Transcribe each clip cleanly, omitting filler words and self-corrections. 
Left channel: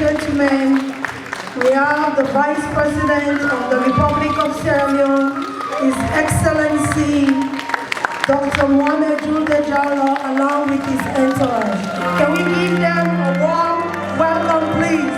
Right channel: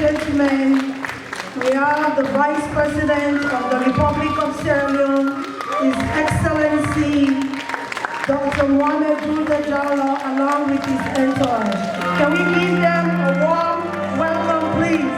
gentlemen, we have the Vice President of the Republic of Sierra Leone, His Excellency Dr. Mohamed Juldeh Jalloh, along with his entourage. Can we give them a warm welcome, please?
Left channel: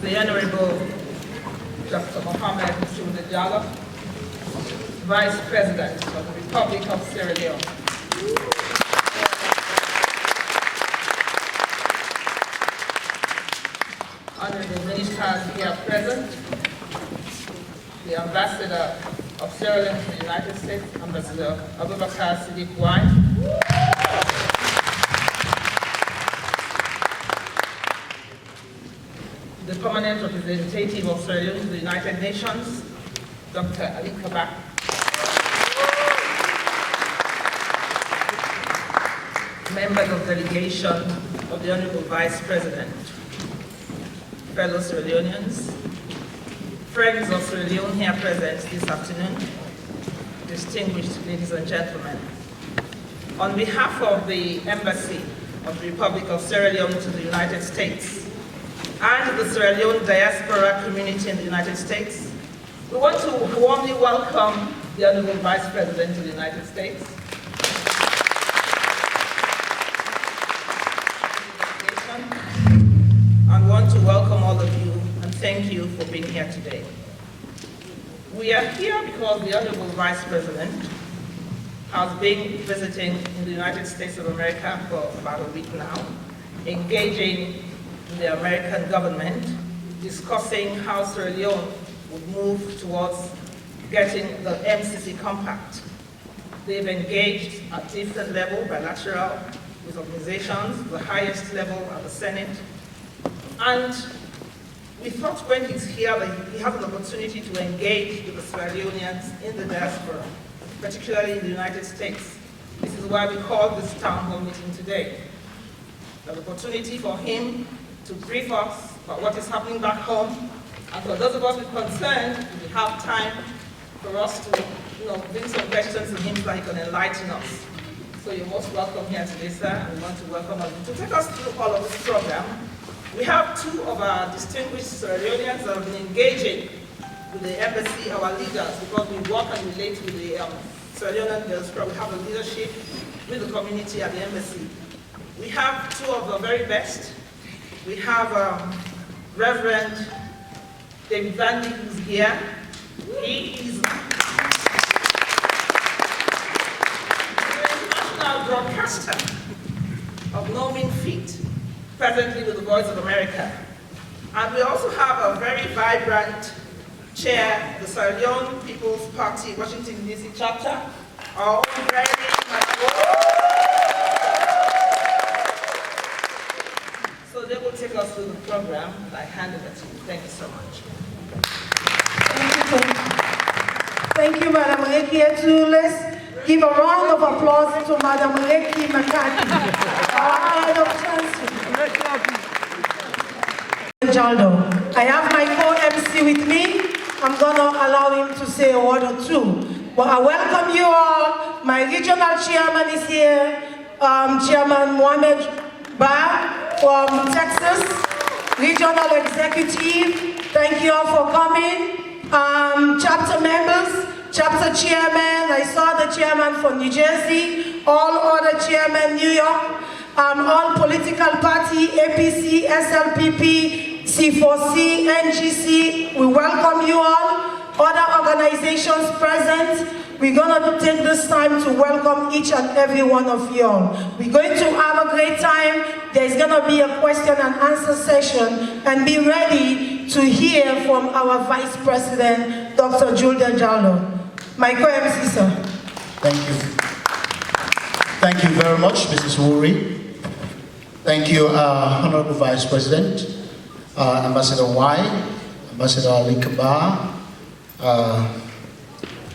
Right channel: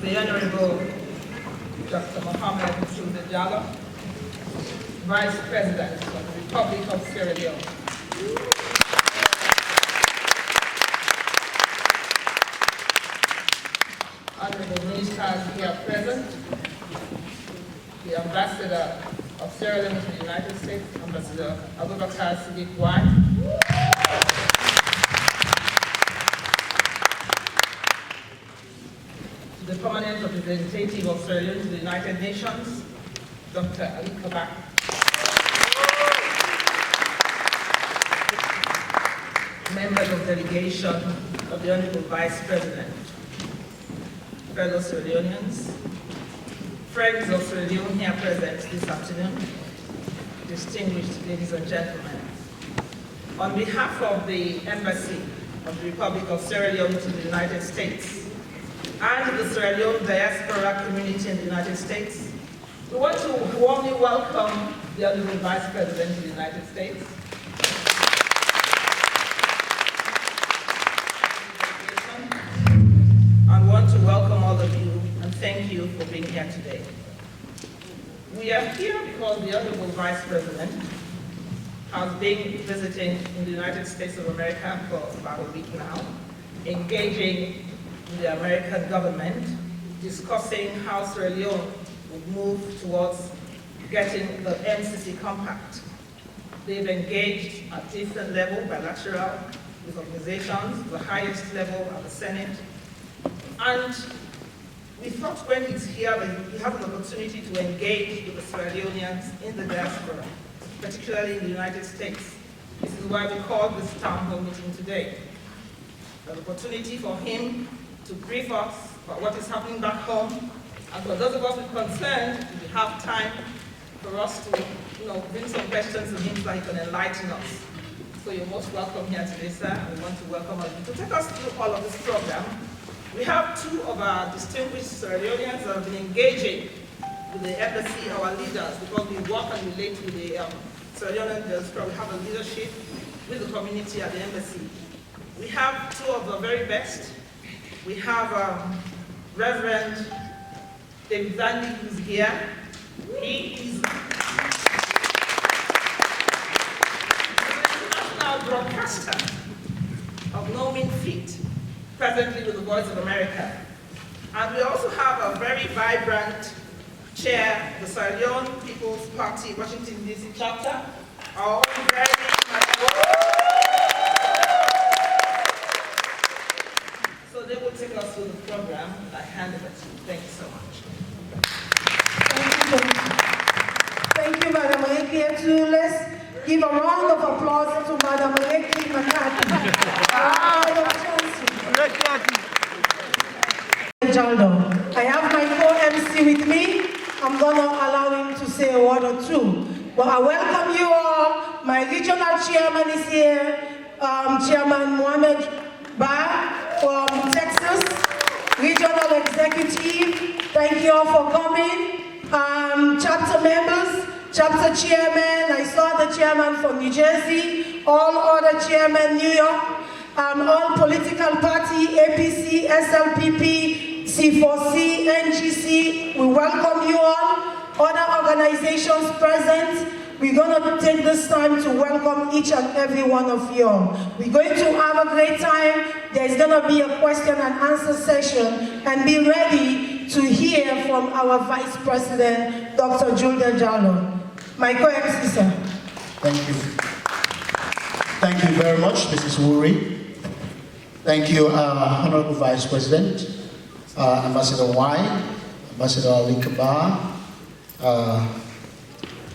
The Honourable Dr. Mohamed Juldeh Jalloh, Vice President of the Republic of Sierra Leone. Honourable ministers here present, the Ambassador of Sierra Leone to the United States, Ambassador Abubakar Siddiq Wine, the permanent representative of Sierra Leone to the United Nations, Dr. Ali Kabak, members of delegation of the Honourable Vice President, fellow Sierra Leoneans, friends of Sierra Leone here present this afternoon, distinguished ladies and gentlemen. On behalf of the Embassy of the Republic of Sierra Leone to the United States and the Sierra Leone diaspora community in the United States, we want to warmly welcome the Honourable Vice President of the United States, and want to welcome all of you and thank you for being here today. We are here because the Honourable Vice President has been visiting in the United States of America for about a week now, engaging with the American government, discussing how Sierra Leone would move towards getting the MCC compact. They've engaged at different level, bilateral, with organizations, the highest level at the Senate. And we thought when he's here that he has an opportunity to engage with the Sierra Leoneans in the diaspora, particularly in the United States. This is why we called this town hall meeting today. An opportunity for him to brief us about what is happening back home. And for those of us with concerns, we have time for us to bring some questions to him so he can enlighten us. So you're most welcome here today, sir, and we want to welcome you. To take us through all of this program, we have two of our distinguished Sierra Leoneans that have been engaging with the embassy, our leaders, because we work and relate with the Sierra Leonean diaspora. We have a leadership with the community at the embassy. We have two of the very best. We have Reverend David Vandy, who's here. He is an international broadcaster of no mean feat, presently with the Voice of America. And we also have a very vibrant chair, the Sierra Leone People's Party, Washington, D.C. chapter. All very So they will take us through the program, and I hand it to you. Thank you so much. Thank you, Madam Aleki. Let's give a round of applause to Madam Aleki McCarthy. Jalloh. I have my co-MC with me. I'm going to allow him to say a word or two. Well, I welcome you all. My regional chairman is here, Chairman Mohamed Juldeh from Texas, regional executive. Thank you all for coming. Chapter members, chapter chairman, I saw the chairman from New Jersey, all other chairmen, New York, all political party, APC, SLPP, C4C, NGC, we welcome you all. Other organizations present, we're going to take this time to welcome each and every one of you all. We're going to have a great time. There's going to be a question and answer session, and be ready to hear from our Vice President, Dr. Juldeh Jalloh. My co-MC, sir. Thank you. Thank you very much, Mrs. Wuri. Thank you, Honourable Vice President, Ambassador Y, Ambassador Ali Kabar,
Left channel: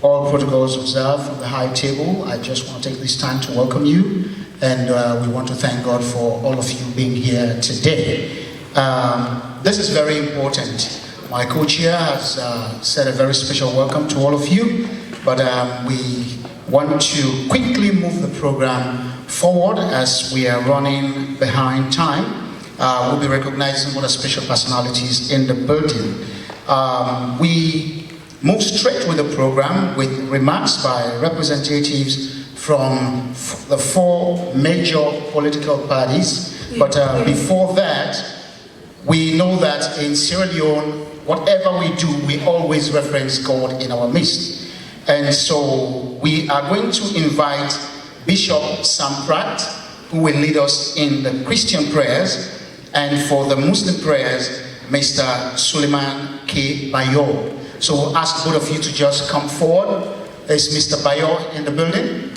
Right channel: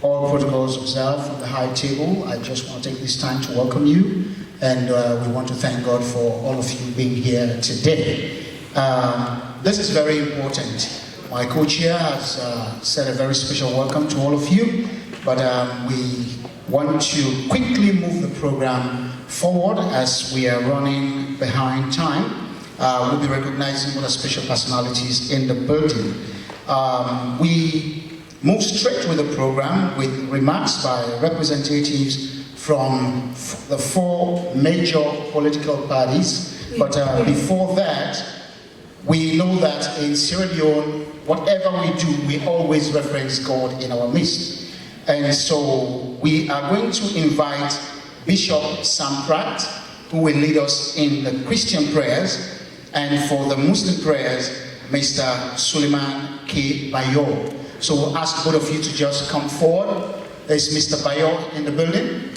all protocols observed from the high table. I just want to take this time to welcome you, and we want to thank God for all of you being here today. This is very important. My co-chair has said a very special welcome to all of you, but we want to quickly move the program forward as we are running behind time. We'll be recognizing other special personalities in the building. We move straight with the program with remarks by representatives from the four major political parties. But before that, we know that in Sierra Leone, whatever we do, we always reference God in our midst. And so we are going to invite Bishop Sam Pratt, who will lead us in the Christian prayers, and for the Muslim prayers, Mr. Suleiman K. Bayo. So we'll ask both of you to just come forward. Is Mr. Bayo in the building?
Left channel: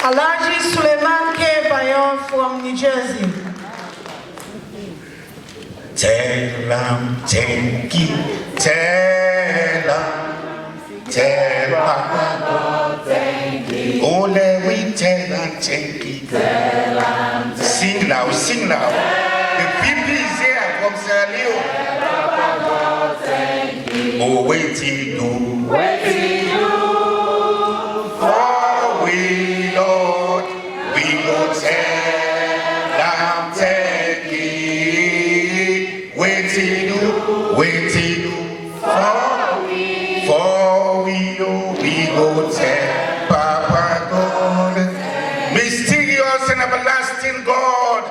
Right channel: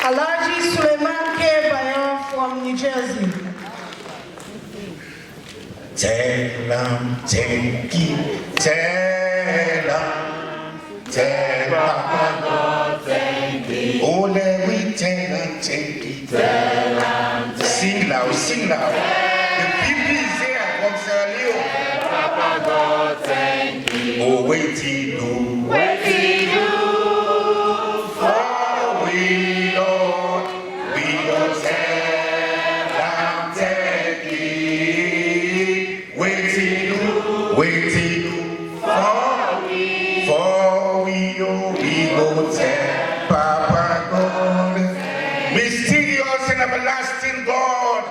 Alaji Suleiman K. Bayo from New Jersey. Telam, tenki, telam, ole we telam, tenki, telam. Sing loud, sing loud. The people is here from Sierra Leone. Oh, wait till you, for we Lord, we go telam, tenki. Wait till you, for we go tell Papa God, mysterious and everlasting God.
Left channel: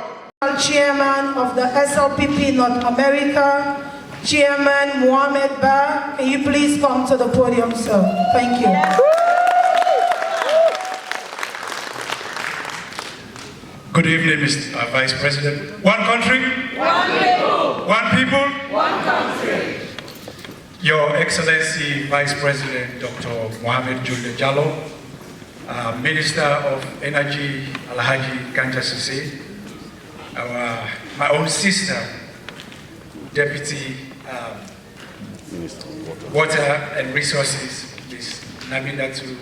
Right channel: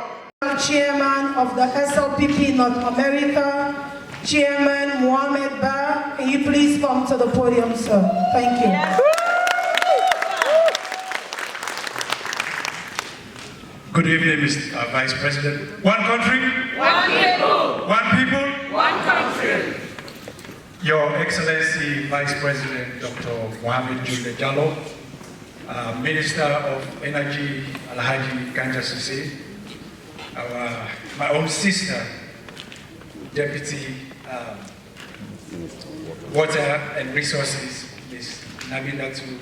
Chairman of the SLPP North America, Chairman Mohamed Juldeh, can you please come to the podium, sir? Thank you. Yes. Good evening, Mr. Vice President. One country? One people. One people? One country. Your Excellency Vice President Dr. Mohamed Juldeh Jalloh, Minister of Energy Alhaji Ganja Sise, my own sister, Deputy Water and Resources, Ms. Nabilatu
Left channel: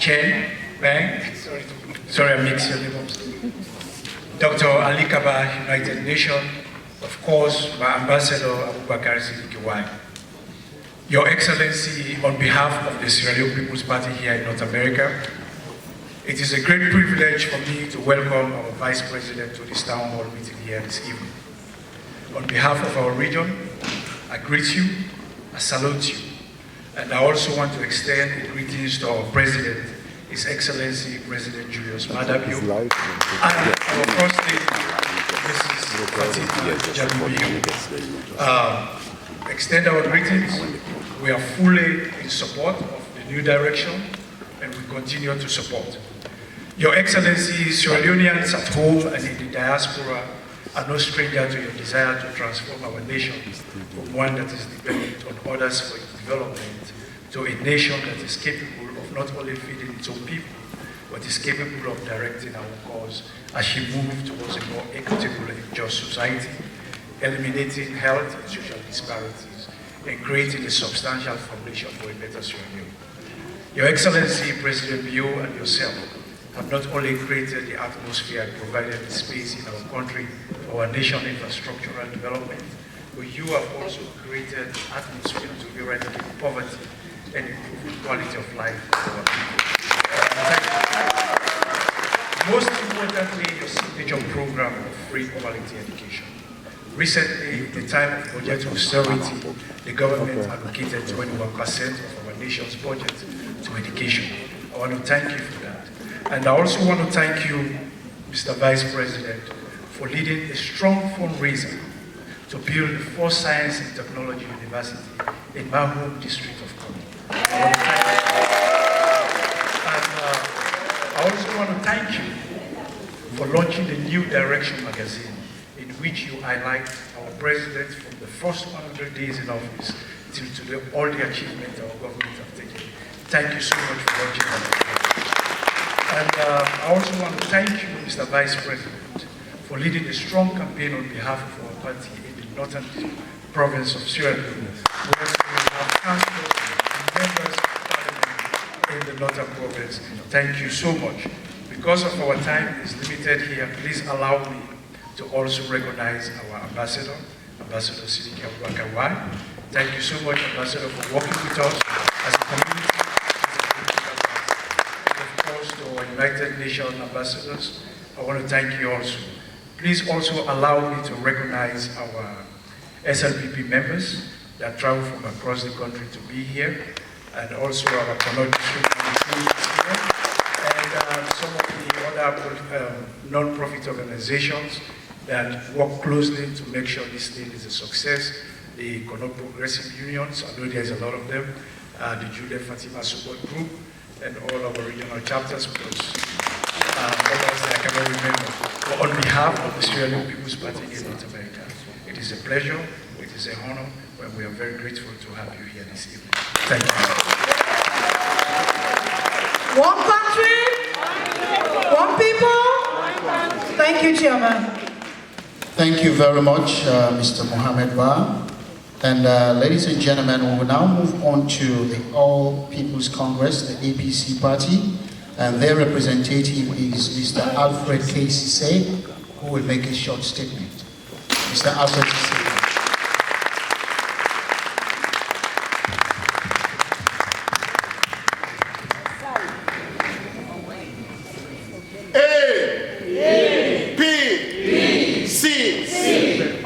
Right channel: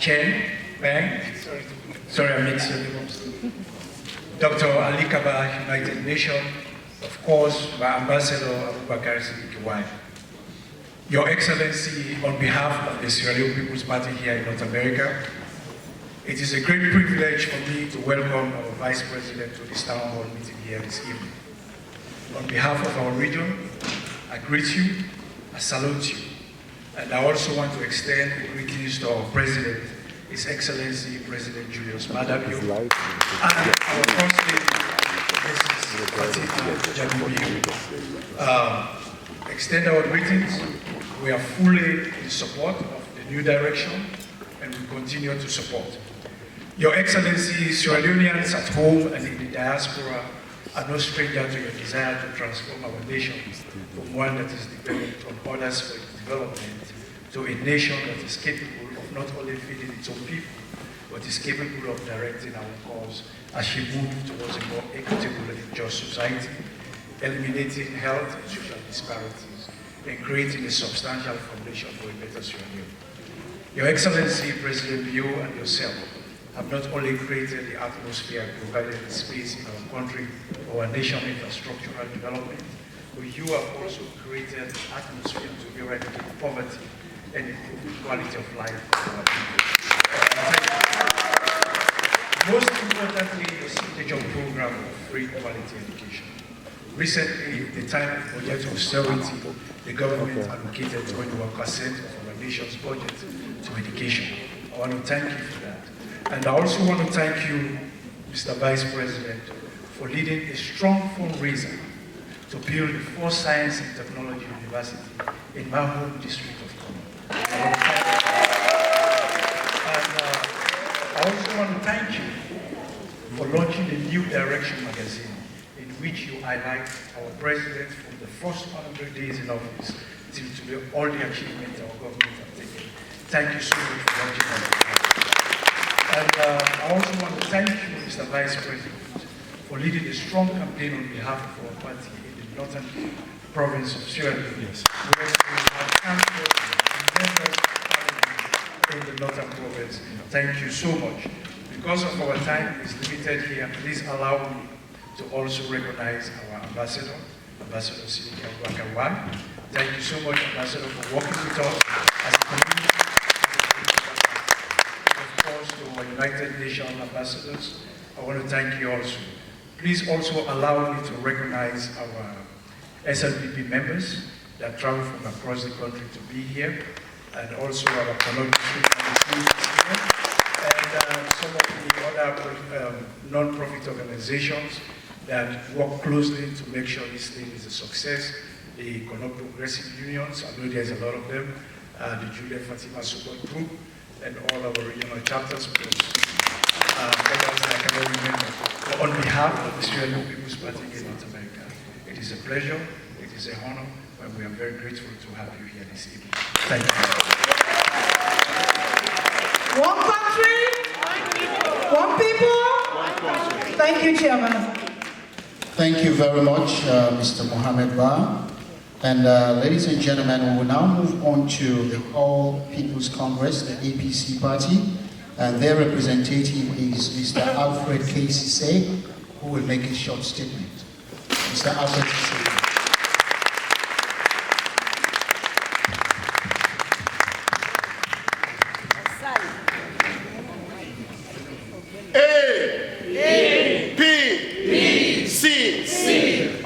Chen Bang. Sorry, I mixed your names. Dr. Ali Kabar, United Nations, of course, my Ambassador Abubakar Siddiqui. Your Excellency, on behalf of the Sierra Leone People's Party here in North America, it is a great privilege for me to welcome our Vice President to this Town Hall meeting here this evening. On behalf of our region, I greet you, I salute you, and I also want to extend greetings to our President, His Excellency President Julius Madabio, and our First Lady, Mrs. Jalloh. Extend our greetings. We are fully in support of the new direction, and we continue to support. Your Excellency, Sierra Leoneans at home and in the diaspora are no stranger to your desire to transform our nation from one that is dependent on others for its development to a nation that is capable of not only feeding its own people, but is capable of directing our cause as she moves towards a more equitable and just society, eliminating health and social disparities, and creating a substantial foundation for a better Sierra Leone. Your Excellency, President Bio and yourself have not only created the atmosphere and provided the space in our country for our national infrastructural development, but you have also created the atmosphere to eradicate poverty and improve the quality of life for our people. Most importantly, your signature program of free quality education. Recently, in the time of budget austerity, the government allocated 21% of our nation's budget to education. I want to thank you for that. And I also want to thank you, Mr. Vice President, for leading a strong fundraiser to build the first Science and Technology University in my home district of Kogi. And I also want to thank you for launching the New Direction magazine, in which you highlight our president from the first 100 days in office till today, all the achievements our government have taken. Thank you so much for launching that. And I also want to thank you, Mr. Vice President, for leading a strong campaign on behalf of our party in the northern province of Sierra Leone, where we have councillors and members of parliament in the northern province. Thank you so much. Because of our time is limited here, please allow me to also recognize our ambassador, Ambassador Sidika Wakawai. Thank you so much, Ambassador, for working with us as a community. To our United Nations ambassadors, I want to thank you also. Please also allow me to recognize our SLPP members that travel from across the country to be here, and also our Connect and some of the other non-profit organizations that work closely to make sure this thing is a success. The Connect Progressive Unions, I know there's a lot of them, the Jude Fatima Support Group, and all our regional chapters, because others I cannot remember. But on behalf of the Sierra Leone People's Party in North America, it is a pleasure, it is an honor, and we are very grateful to have you here this evening. Thank you. One country, one people. Thank you, Chairman. Thank you very much, Mr. Mohamed Ba. And ladies and gentlemen, we will now move on to the All People's Congress, the APC party, and their representative is Mr. Alfred K. Sise, who will make a short statement. Mr. Alfred Sise.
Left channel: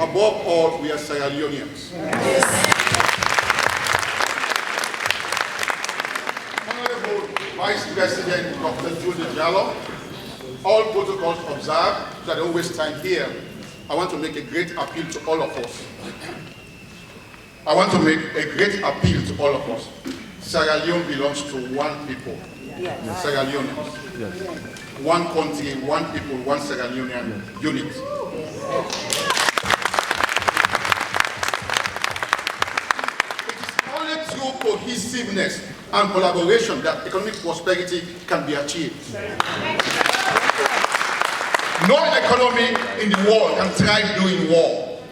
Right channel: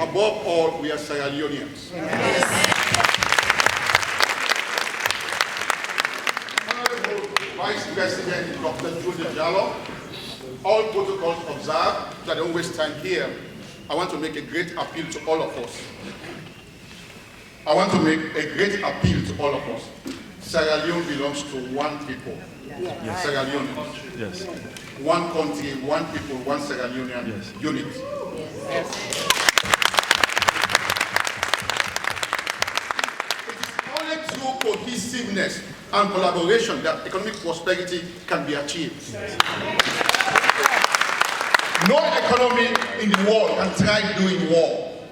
Above all, we are Sierra Leoneans. Honourable Vice President Dr. Juldeh Jalloh, all protocols observed, so I don't waste time here. I want to make a great appeal to all of us. I want to make a great appeal to all of us. Sierra Leone belongs to one people. Yes. Sierra Leoneans. Yes. One country, one people, one Sierra Leonean unit. Yes. Cohesiveness and collaboration that economic prosperity can be achieved. No economy in the world can thrive doing war.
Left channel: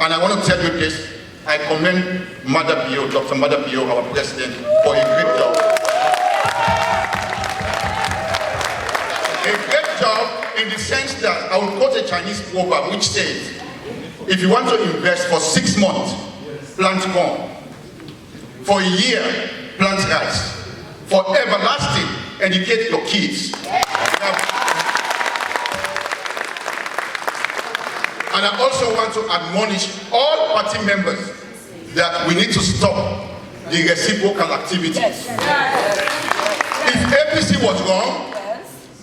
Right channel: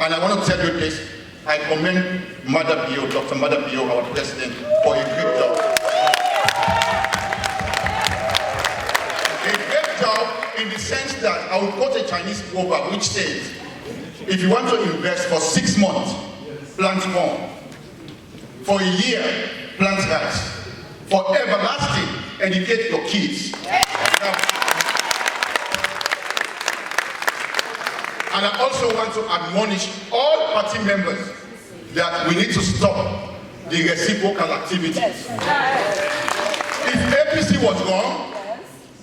And I want to tell you this, I commend Madabio, Dr. Madabio, our president, for a great job. A great job in the sense that I will quote a Chinese proverb which says, if you want to invest for 6 months, plant corn. For a year, plant rice. For everlasting, educate your kids. And I also want to admonish all party members that we need to stop the reciprocal activities. If APC was wrong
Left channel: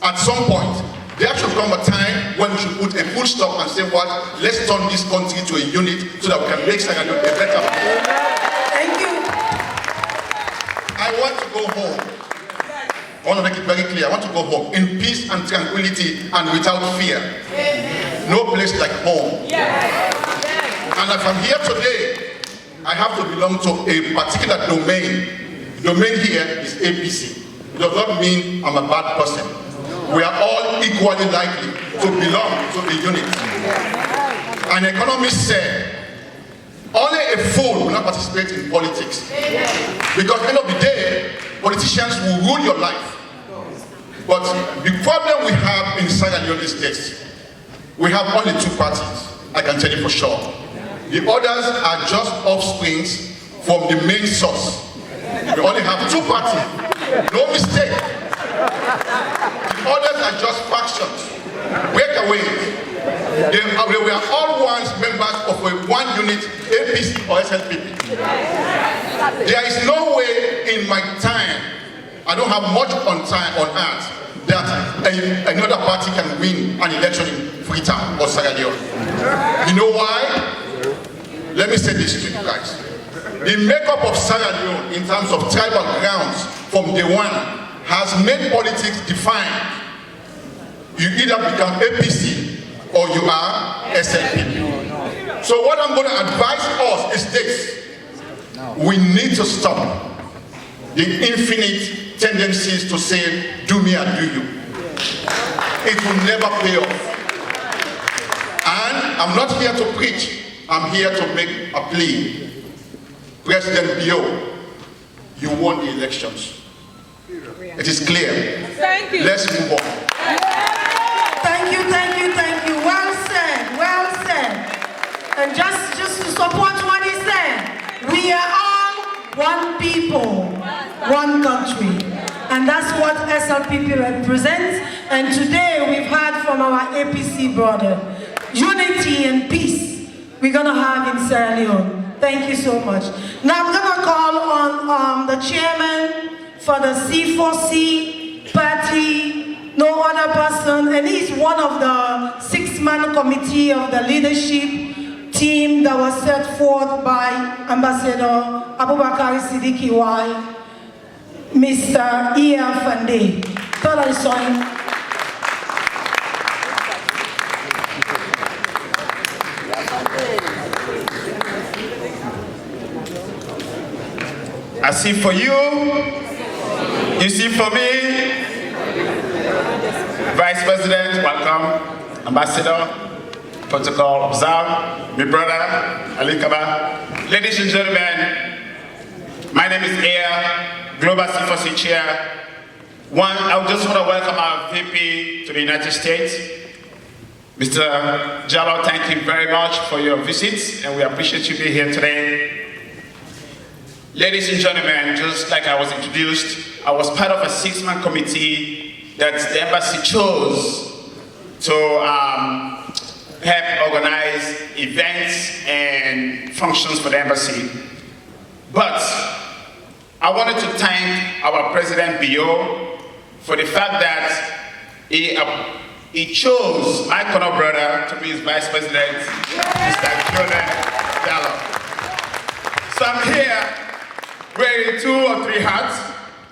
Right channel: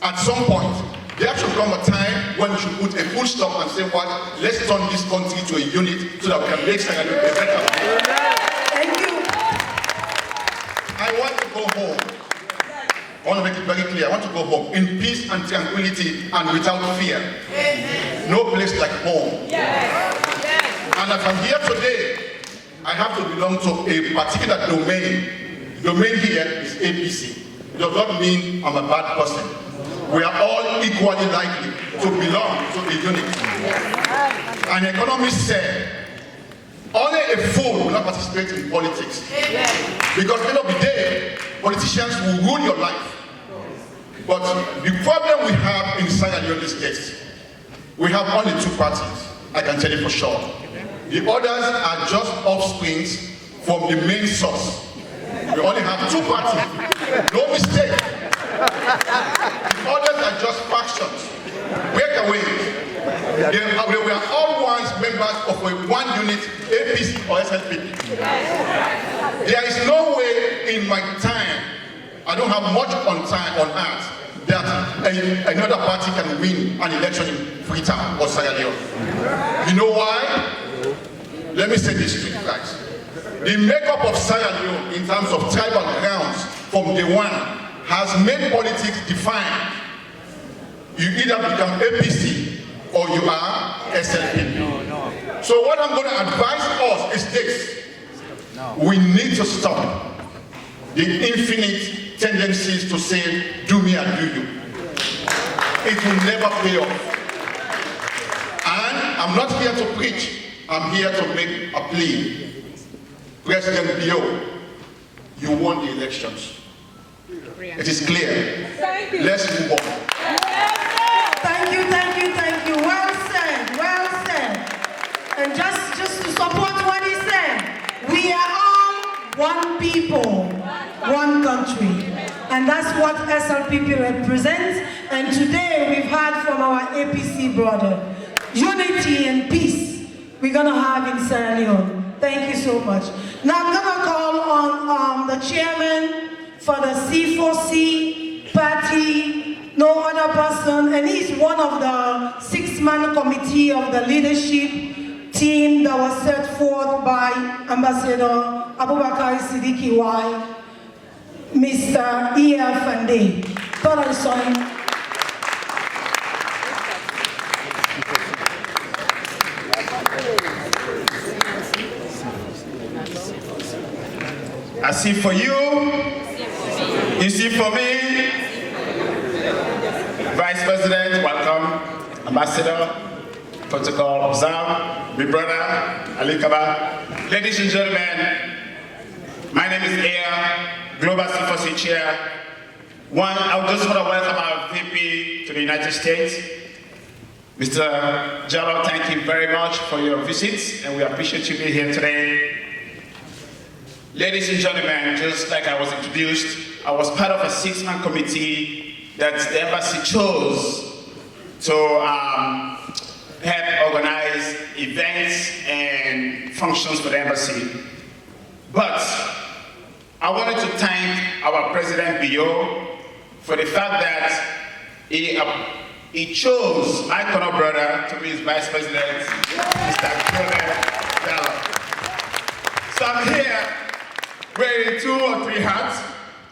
at some point. There should come a time when we should put a full stop and say, what, let's turn this country to a unit so that we can make Sierra Leone a better place. Thank you. I want to go home. I want to make it very clear. I want to go home in peace and tranquility and without fear. No place like home. And if I'm here today, I have to belong to a particular domain. Domain here is APC. It does not mean I'm a bad person. We are all equally likely to belong to a unit. An economist said, only a fool will not participate in politics. Because at the end of the day, politicians will rule your life. But the problem we have in Sierra Leone State, we have only two parties, I can tell you for sure. The others are just offsprings from the main source. We only have two parties. No mistake. The others are just factions. Wait away. They were all once members of one unit, APC or SLPP. There is no way in my time, I don't have much on time on earth, that another party can win an election in Freetown or Sierra Leone. You know why? Let me say this to you guys. The makeup of Sierra Leone in terms of tribal grounds from day one has made politics defined. You either become APC or you are SLP. So what I'm going to advise us is this. We need to stop the infinite tendencies to say, do me and do you. It will never pay off. And I'm not here to preach. I'm here to make a plea. President Leone, you won the elections. It is clear. Thank you. Let's move on. Thank you, thank you, thank you. Well said, well said. And just to support what he said, we are all one people, one country. And that's what SLPP represents. And today we've heard from our APC brother, unity and peace we're going to have in Sierra Leone. Thank you so much. Now I'm going to call on the chairman for the C4C party, no other person, and he's one of the 6-man committee of the leadership team that was set forth by Ambassador Abubakar Siddiqui Y, Mr. E.F. Fande. Person. I see for you, you see for me. Vice President, welcome. Ambassador, protocol observed. My brother, Ali Kaba. Ladies and gentlemen, my name is Aya, Global C4C Chair. I just want to welcome our VP to the United States. Mr. Jalloh, thank you very much for your visit, and we appreciate you being here today. Ladies and gentlemen, just like I was introduced, I was part of a 6-man committee that the embassy chose to help organize events and functions for the embassy. But I wanted to thank our President Bio for the fact that he chose my Honourable brother to be his Vice President, Mr. Juldeh Jalloh. So I'm here wearing 2 or 3 hats.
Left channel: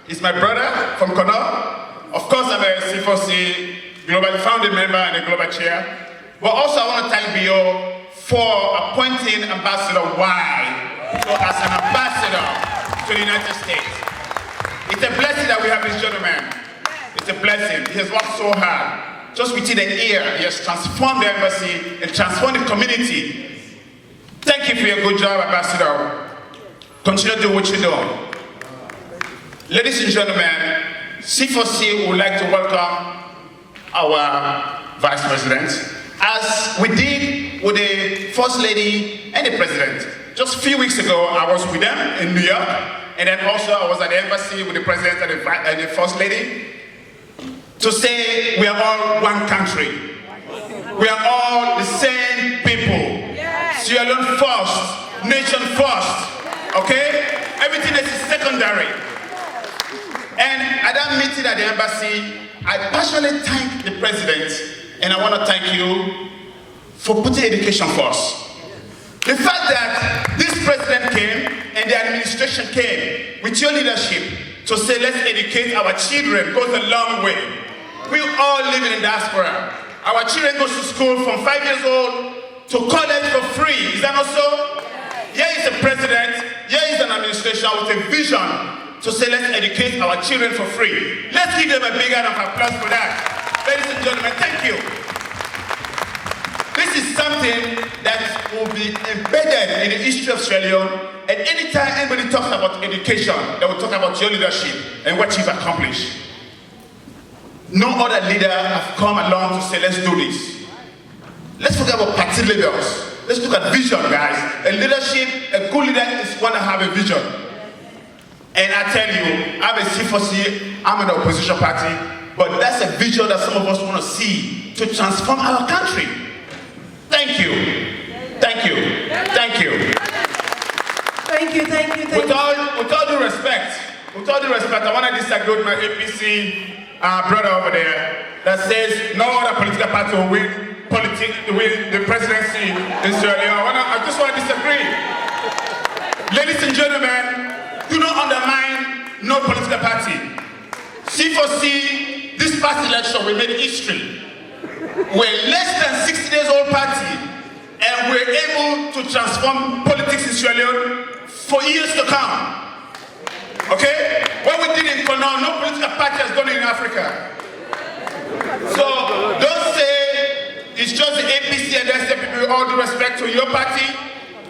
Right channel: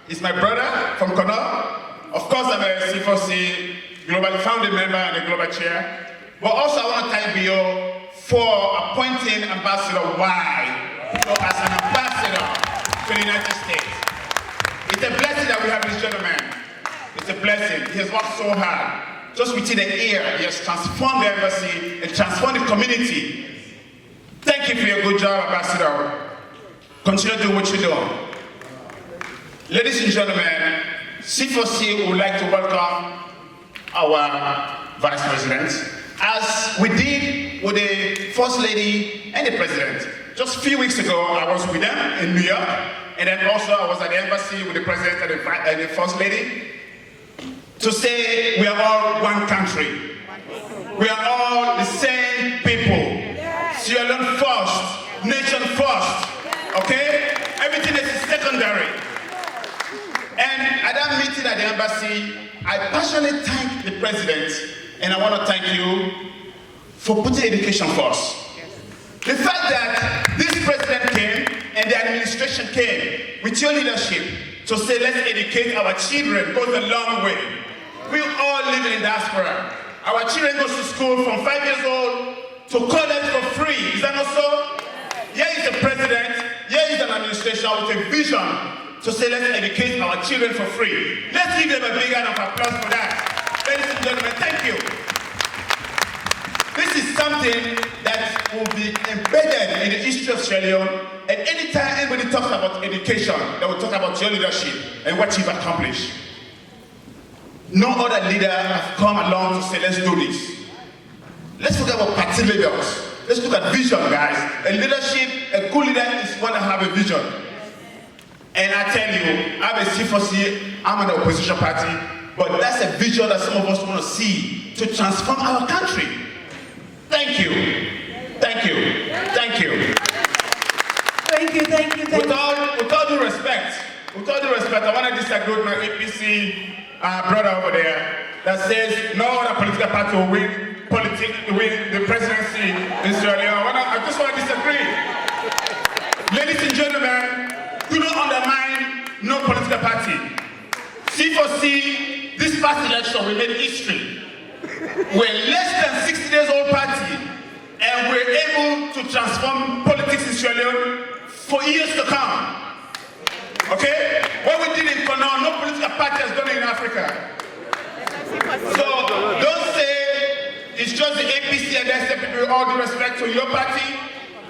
He's my brother from Kono. Of course, I'm a C4C global founding member and a global chair. But also, I want to thank Bio for appointing Ambassador Y as an ambassador to the United States. It's a blessing that we have this gentleman. It's a blessing. He has worked so hard. Just within a year, he has transformed the embassy and transformed the community. Thank you for your good job, Ambassador. Continue to do what you're doing. Ladies and gentlemen, C4C would like to welcome our Vice President, as we did with the First Lady and the President. Just a few weeks ago, I was with them in New York, and then also I was at the embassy with the President and the First Lady to say we are all one country. We are all the same people. Sierra Leone first, nation first. Okay? Everything is secondary. And at that that meeting at the embassy, I passionately thank the president, and I want to thank you for putting education first. The fact that this president came and the administration came with your leadership to say let's educate our children goes a long way. We all live in the diaspora. Our children go to school from 5 years old to college for free. Is that not so? Here is the president, here is an administration with a vision to say let's educate our children for free. Let's give them a big round of applause for that. Ladies and gentlemen, thank you. This is something that will be embedded in the history of Sierra Leone, and anytime anybody talks about education, they will talk about your leadership and what you've accomplished. No other leader has come along to say, let's do this. Let's forget about party leaders. Let's look at vision, guys. A leadership, a good leader is going to have a vision. And I tell you, I'm a C4C, I'm an opposition party, but that's a vision that some of us want to see to transform our country. Thank you. Thank you. Thank you. Thank you, thank you, thank With all due respect, I want to disagree with my APC brother over there that says no other political party will win the presidency in Sierra Leone. I just want to disagree. Ladies and gentlemen, do not undermine no political party. C4C, this past election, we made history. We're less than 60 years old party, and we're able to transform politics in Sierra Leone for years to come. Okay? What we did in Townhall, no political party has done it in Africa. So don't say it's just the APC and that's the people. With all due respect to your party,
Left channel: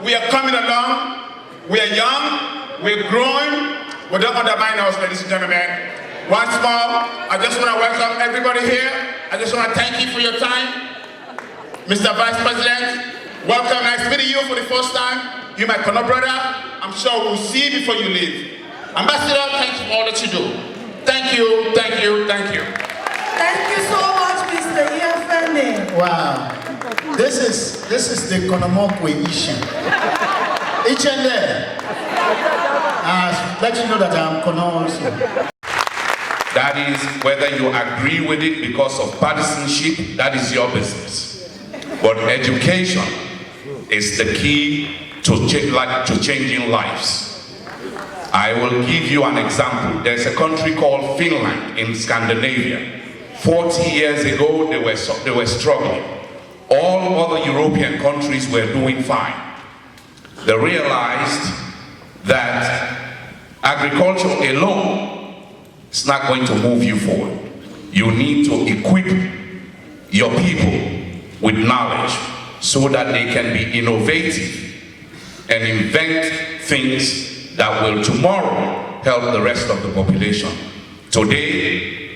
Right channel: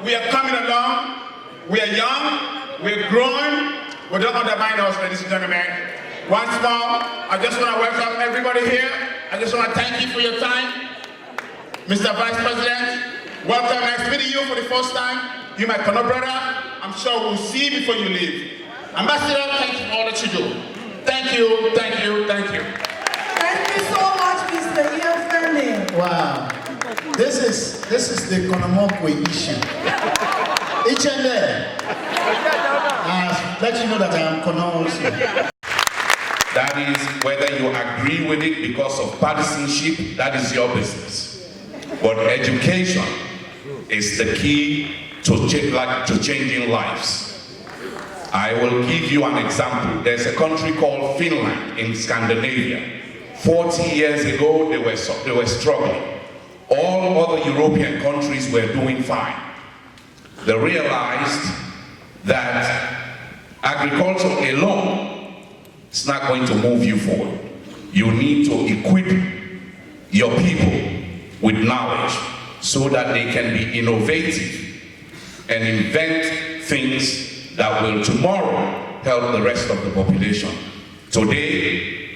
we are coming along. We are young. We're growing. We don't undermine us, ladies and gentlemen. Once more, I just want to welcome everybody here. I just want to thank you for your time. Mr. Vice President, welcome. Nice meeting you for the first time. You're my Kono brother. I'm sure we'll see you before you leave. Ambassador, thank you for all that you do. Thank you, thank you, thank you. Thank you so much, Mr. EFN. Wow. This is the Konomokwe issue. Each and there. Let you know that I am Kono also. That is, whether you agree with it because of partisanship, that is your business. But education is the key to changing lives. I will give you an example. There's a country called Finland in Scandinavia. 40 years ago, they were struggling. All other European countries were doing fine. They realized that agriculture alone is not going to move you forward. You need to equip your people with knowledge so that they can be innovative and invent things that will tomorrow help the rest of the population. Today,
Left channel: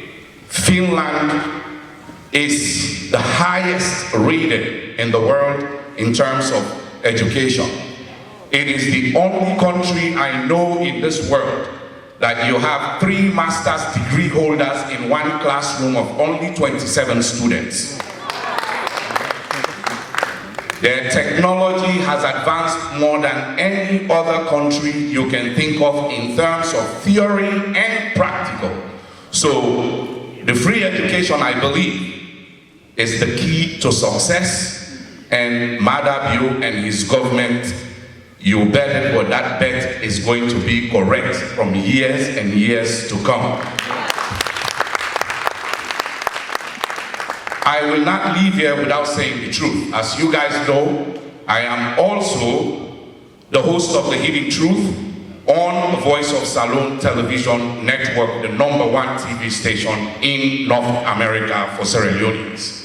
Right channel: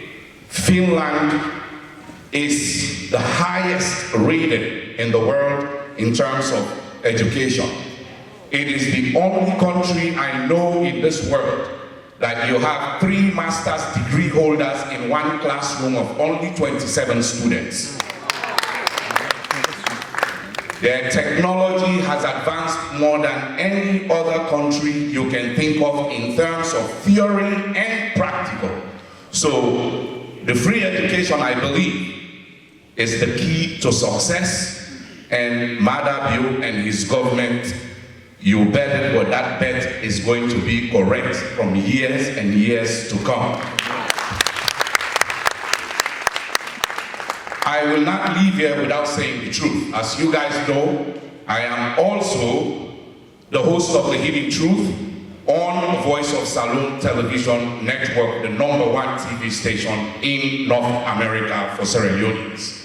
Finland is the highest rated in the world in terms of education. It is the only country I know in this world that you have 3 master's degree holders in one classroom of only 27 students. Their technology has advanced more than any other country you can think of in terms of theory and practical. So the free education, I believe, is the key to success, and Madabu and his government, you bet what that bet is going to be correct from years and years to come. I will not leave here without saying the truth. As you guys know, I am also the host of The Hidden Truth on Voice of Salon Television Network, the #1 TV station in North America for Sierra Leoneans.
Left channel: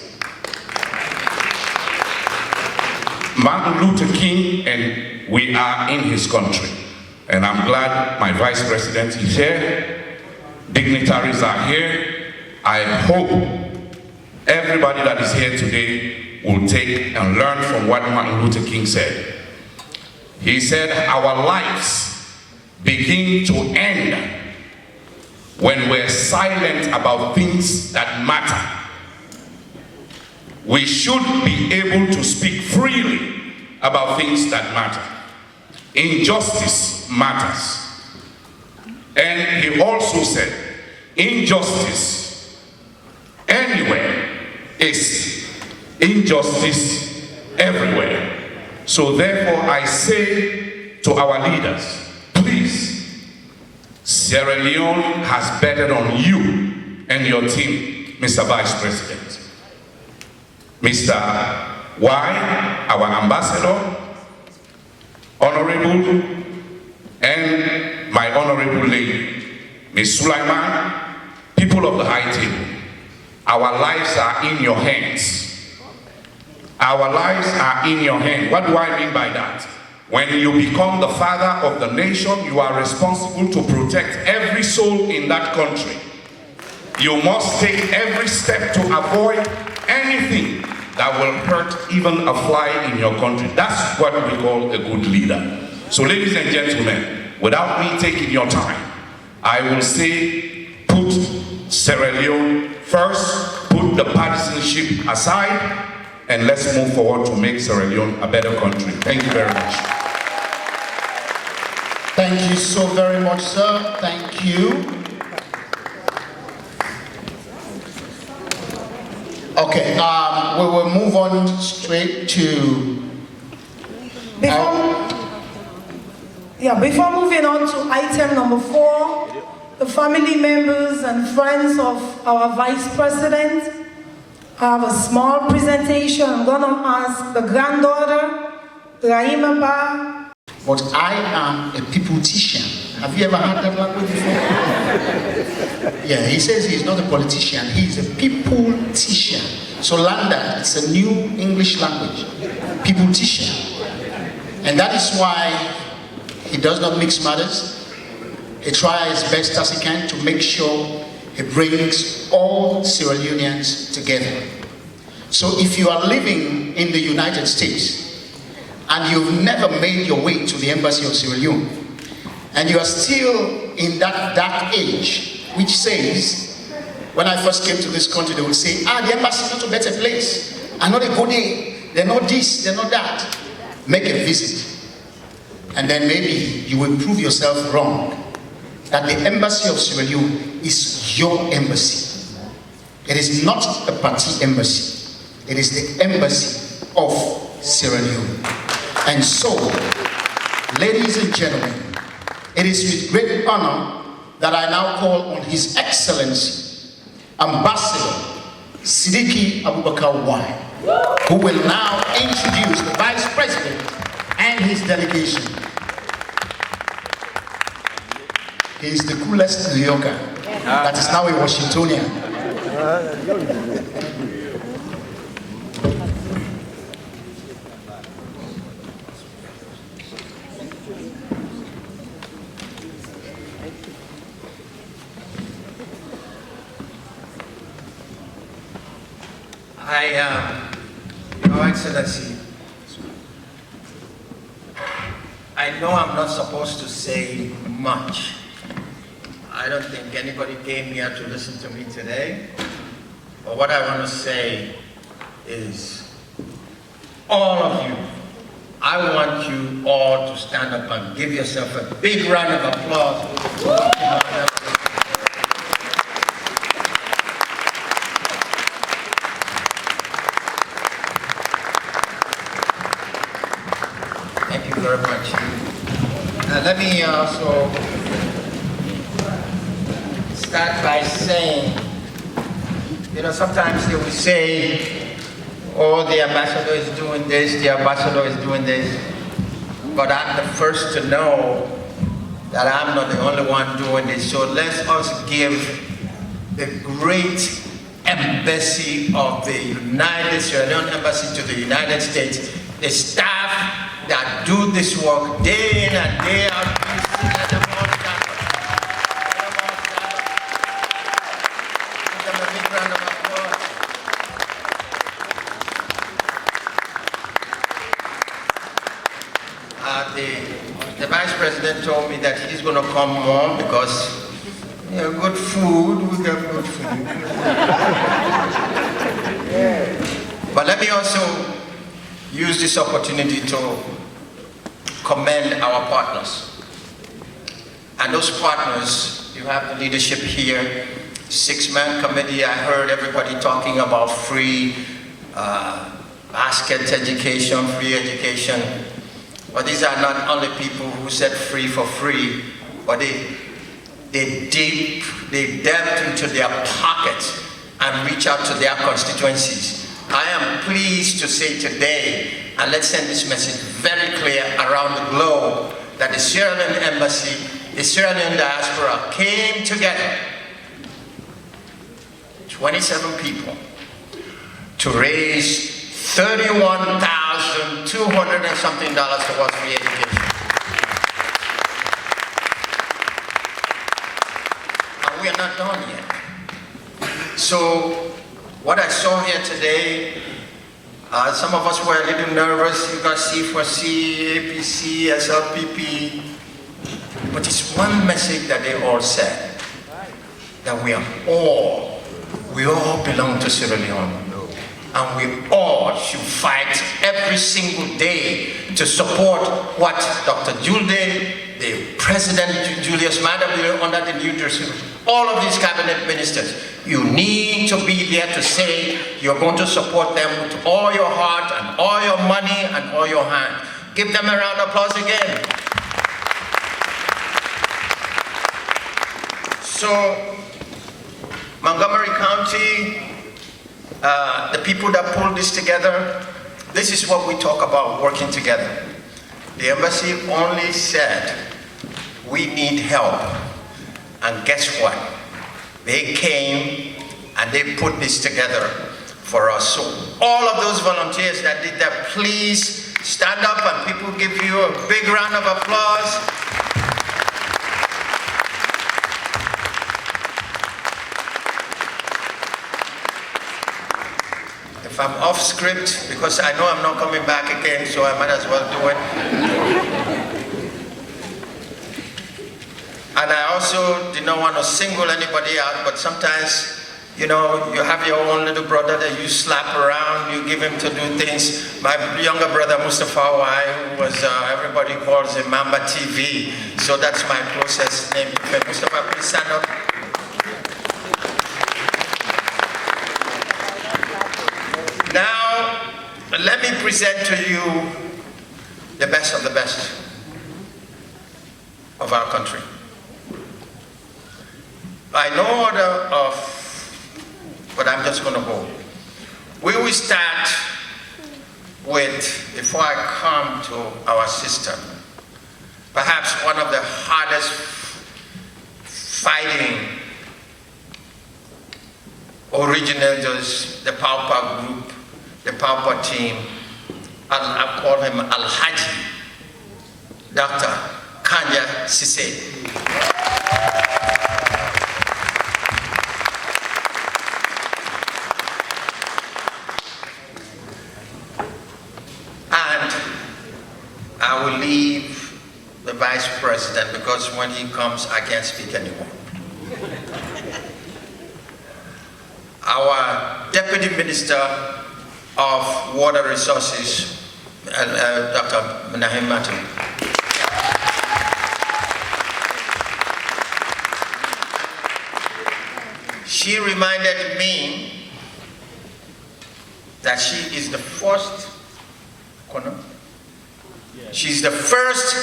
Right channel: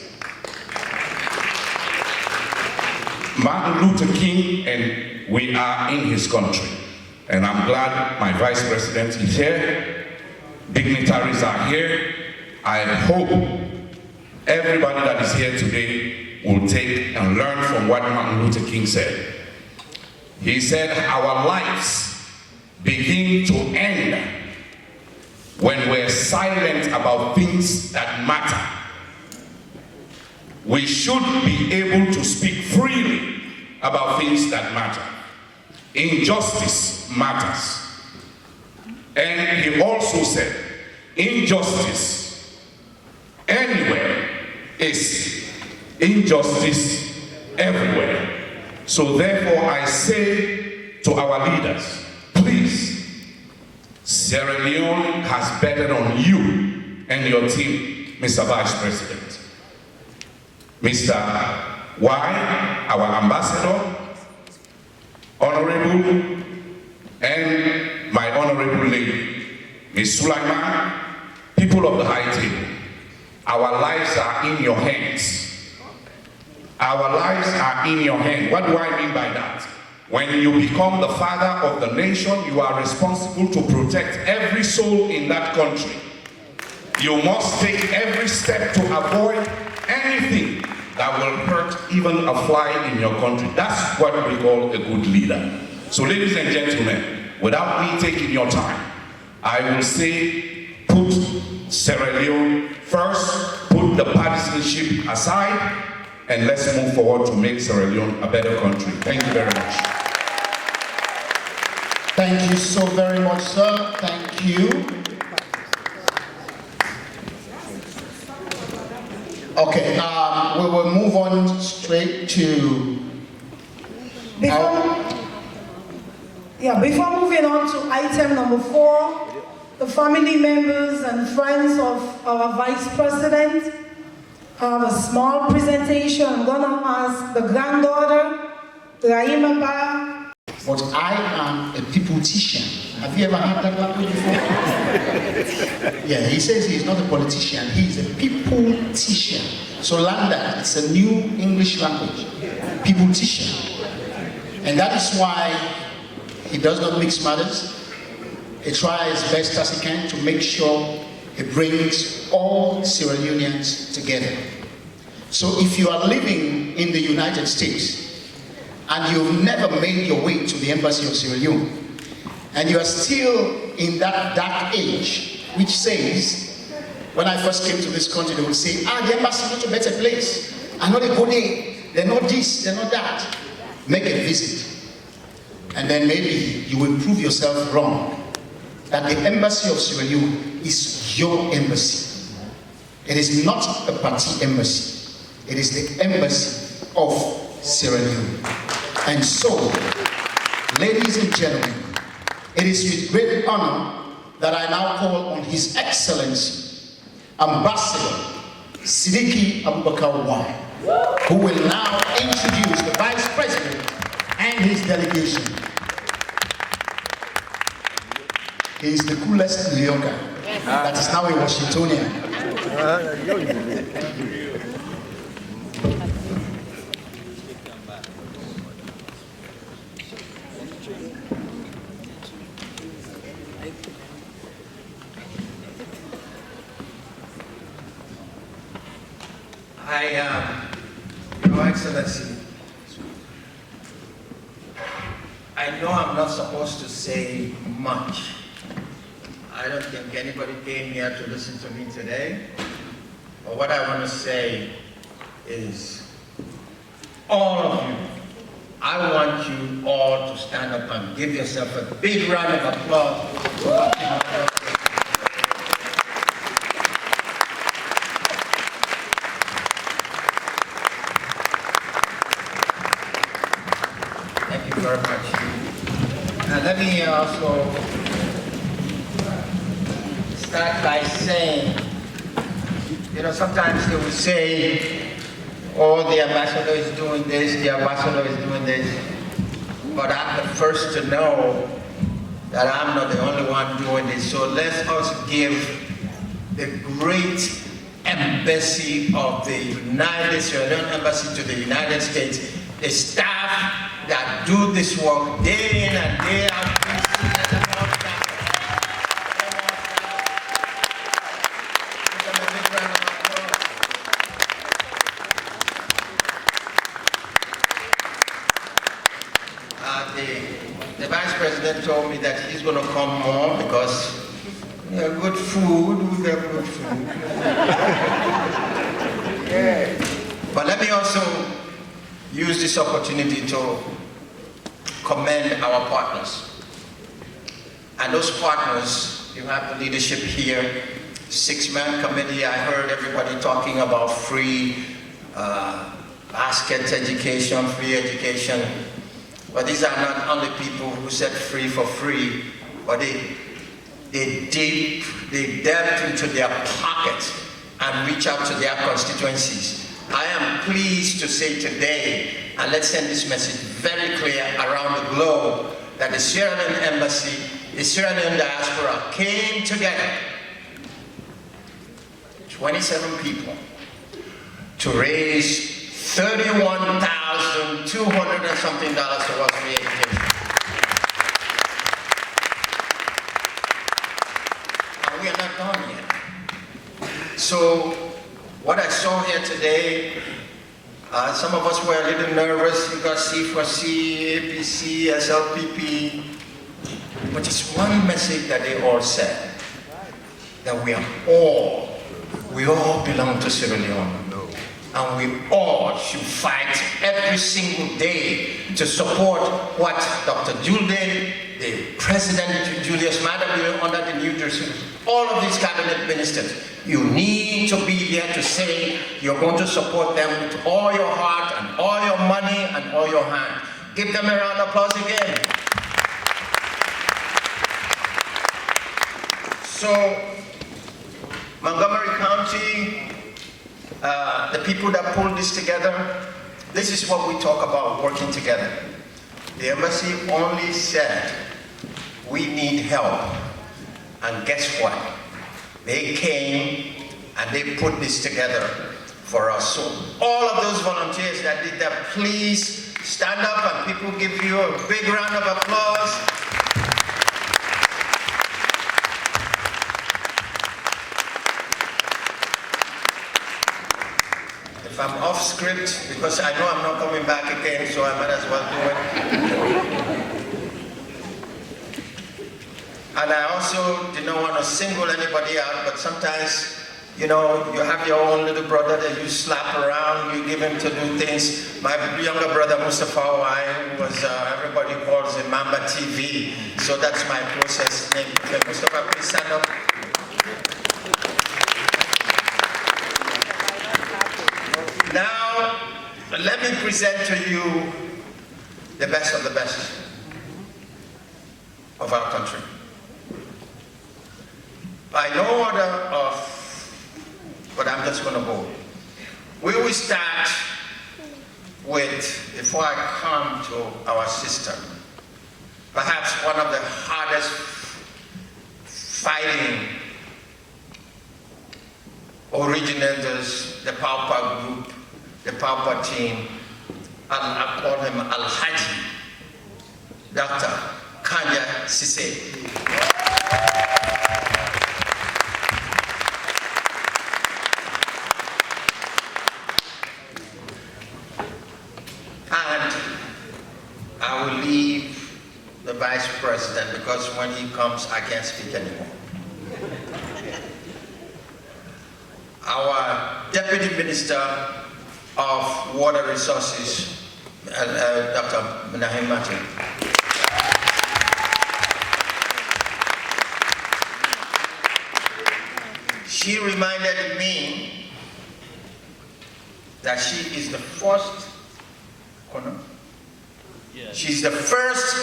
Martin Luther King, and we are in his country. And I'm glad my Vice President is here. Dignitaries are here. I hope everybody that is here today will take and learn from what Martin Luther King said. He said, our lives begin to end when we're silent about things that matter. We should be able to speak freely about things that matter. Injustice matters. And he also said, injustice anywhere is injustice everywhere. So therefore I say to our leaders, please, Sierra Leone has betted on you and your team, Mr. Vice President. Mr. Y, our ambassador, Honourable, and my Honourable lady, Ms. Sulaiman, people of the high table, our lives are in your hands. Our lives are in your hands. What do I mean by that? When you become the father of the nation, you are responsible to protect every soul in that country. You must take every step to avoid anything that will hurt even a fly in your country. That's what we call a good leader. So ladies and gentlemen, without me taking your time, I will say put Sierra Leone first, put the partisanship aside, and let's move forward to make Sierra Leone a better country. Thank you very much. Thank you so very much, sir. Thank you. Okay, we will move on straight to... Before moving on to item number 4, the family members and friends of our Vice President have a small presentation. I'm going to ask the granddaughter, Rahima Ba. But I am a peopletician. Have you ever heard that language before? Yeah, he says he's not a politician, he's a peopletician. So learn that, it's a new English language, peopletician. And that is why he does not mix matters. He tries his best as he can to make sure he brings all Sierra Leoneans together. So if you are living in the United States and you've never made your way to the embassy of Sierra Leone, and you are still in that dark age, which says, when I first came to this country, they would say, the embassy is not a better place. I'm not a good day. They're not this, they're not that. Make a visit. And then maybe you will prove yourself wrong. That the embassy of Sierra Leone is your embassy. It is not a party embassy. It is the embassy of Sierra Leone. And so, ladies and gentlemen, it is with great honor that I now call on His Excellency, Ambassador Siddiqui Abubakar Y, who will now introduce the Vice President and his delegation. He is the coolest New Yorker that is now a Washingtonian. Your Excellency, I know I'm not supposed to say much. I don't think anybody came here to listen to me today. But what I want to say is, all of you, I want you all to stand up and give yourself a big round of applause. Thank you very much. Let me also start by saying, sometimes they will say, oh, the ambassador is doing this, the ambassador is doing this. But I'm the first to know that I'm not the only one doing this. So let us give the great embassy of the Sierra Leone Embassy to the United States, the staff that do this work day in and day out. The Vice President told me that he's going to come more because we have good food, we have good food. But let me also use this opportunity to commend our partners. And those partners, you have the leadership here 6-man committee. I heard everybody talking about free basket education, free education. But these are not only people who said free for free, but they delved into their pockets and reach out to their constituencies. I am pleased to say today, and let's send this message very clear around the globe, that the Sierra Leone Embassy, the Sierra Leone diaspora came together, 27 people, to raise $31,200 and something towards free education. And we are not done yet. So, what I saw here today, some of us were a little nervous. You got C4C, APC, SLPP. But it's one message that they all said, that we all belong to Sierra Leone. And we all should fight every single day to support what Dr. Juldeh, the President Julius Maada under the New Jersey, all of these cabinet ministers, you need to be there to say you're going to support them with all your heart and all your money and all your hand. Give them a round of applause again. So, Montgomery County, the people that pulled this together, this is what we talk about, working together. The embassy only said, we need help. And guess what? They came and they put this together for us. So all of those volunteers that did that, please stand up and people give you a big round of applause. If I'm off script, because I know I'm not coming back again, so I might as well do it. And I also did not want to single anybody out, but sometimes, you know, you have your own little brother that you slap around, you give him to do things. My younger brother, Mustafa Wai, was, everybody calls him Mamba TV, so that's my closest name. Okay, Mustafa, please stand up. Now, let me present to you the best of the best of our country. By no order of, but I'm just going to go. We will start with, before I come to our sister, perhaps one of the hardest fighting originators, the Paupa group, the Paupa team, and I call him Al-Haji, Dr. Kanya Sise. And I will leave the Vice President because when he comes, I can't speak anymore. Our Deputy Minister of Water Resources, Dr. Mohamed. She reminded me that she is the first she's the first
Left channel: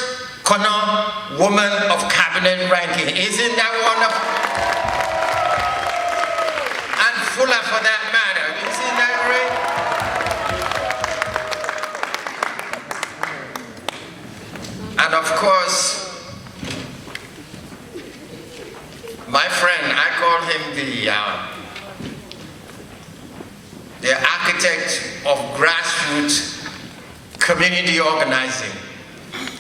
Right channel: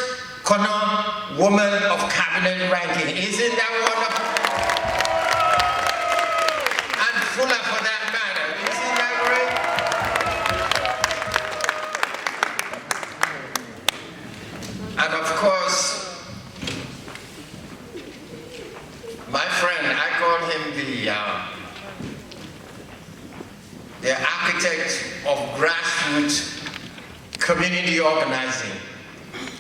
Kono woman of cabinet ranking. Isn't that wonderful? And Fula for that matter. Isn't that great? And of course, my friend, I call him the architect of grassroots community organizing.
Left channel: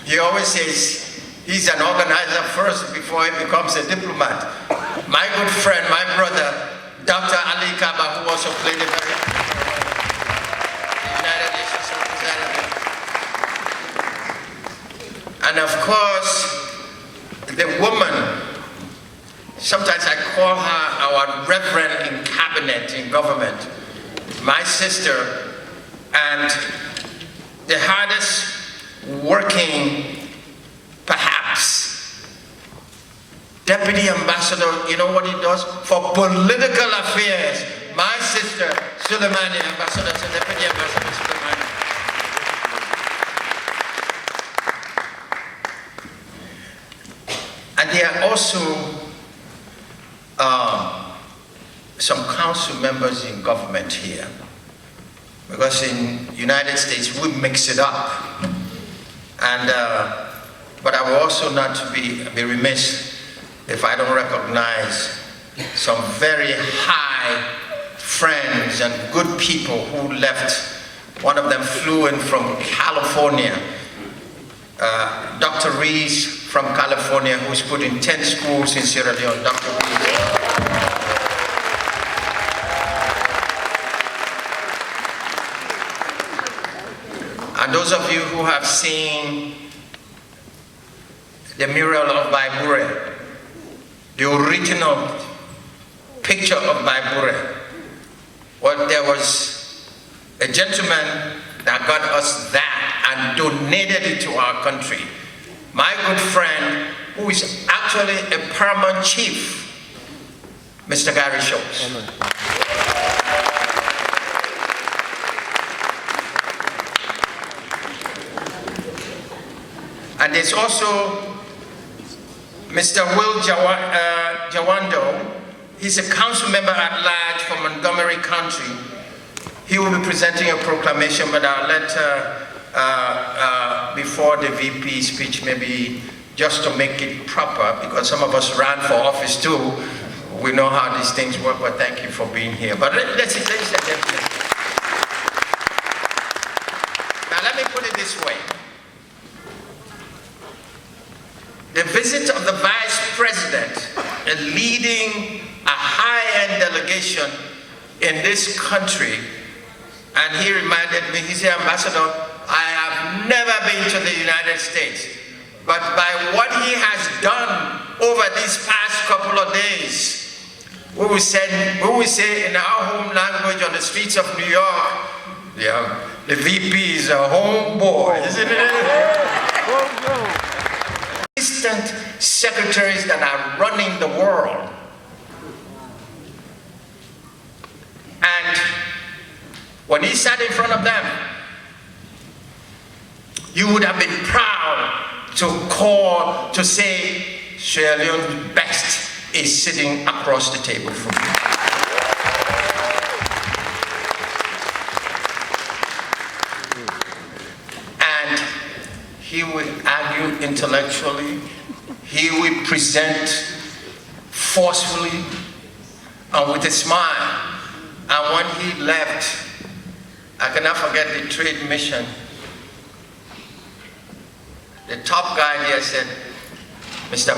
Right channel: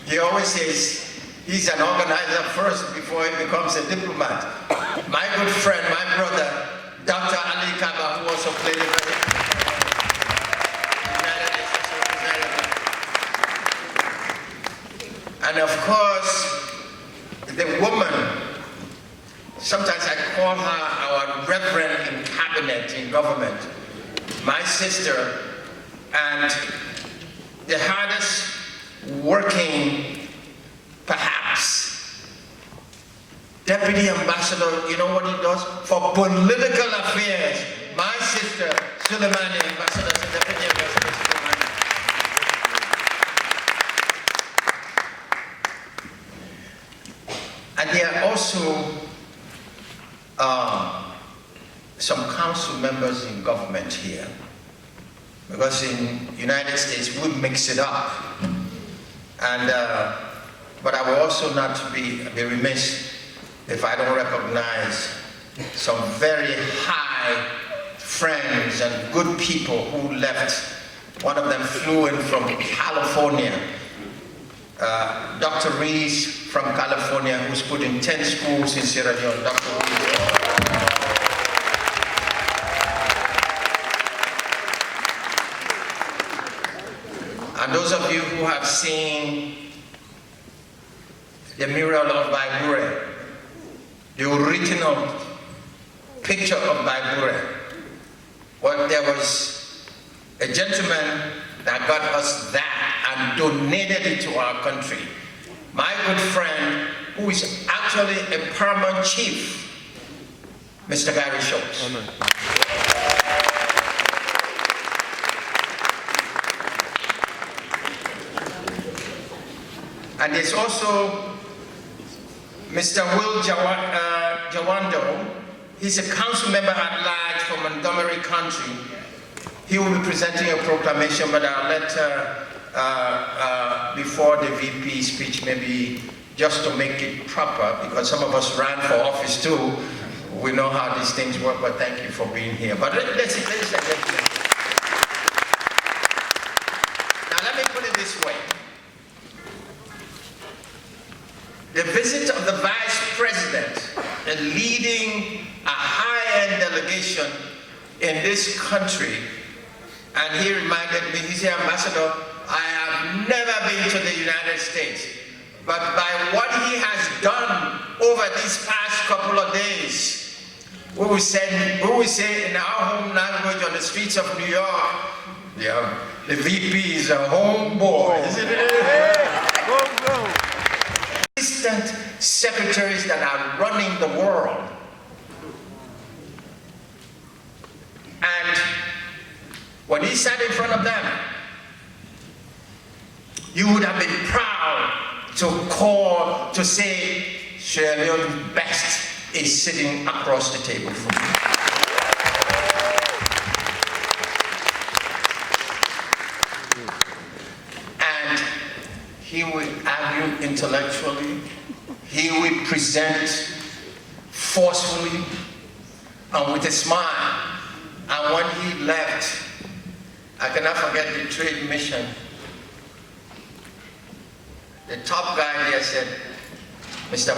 He always says he's an organizer first before he becomes a diplomat. My good friend, my brother, Dr. Ali Kaba, who also played a very United Nations representative. And of course, the woman, sometimes I call her our reverend in cabinet, in government, my sister, and the hardest working, perhaps, Deputy Ambassador, you know what he does? For political affairs. My sister, Suleimani, Ambassador, Deputy Ambassador Suleimani. And there are also some council members in government here. Because in the United States, we mix it up. And, but I will also not be remiss if I don't recognize some very high friends and good people who left. One of them flew in from California. Dr. Rees from California, who's put in 10 schools in Sierra Leone. Dr. Rees. And those of you who have seen the mural of Baibure, the original picture of Baibure, well, there was a gentleman that got us that and donated it to our country. My good friend, who is actually a paramount chief, Mr. Gary Schultz. And there's also Mr. Will Jawando. He's a council member at large from Montgomery County. He will be presenting a proclamation, but I'll let before the VP speech, maybe just to make it proper, because some of us ran for office too. We know how these things work, but thank you for being here. But ladies and gentlemen, now let me put it this way. The visit of the Vice President, leading a high-end delegation in this country, and he reminded me, he said, Ambassador, I have never been to the United States, but by what he has done over these past couple of days, we will say in our home language on the streets of New York, yeah, the VP is a homeboy, isn't it? Assistant secretaries that are running the world. And when he sat in front of them, you would have been proud to say, Sierra Leone's best is sitting across the table from you. And he would argue intellectually, he would present forcefully and with a smile. And when he left, I cannot forget the trade mission. The top guy there said, Mr.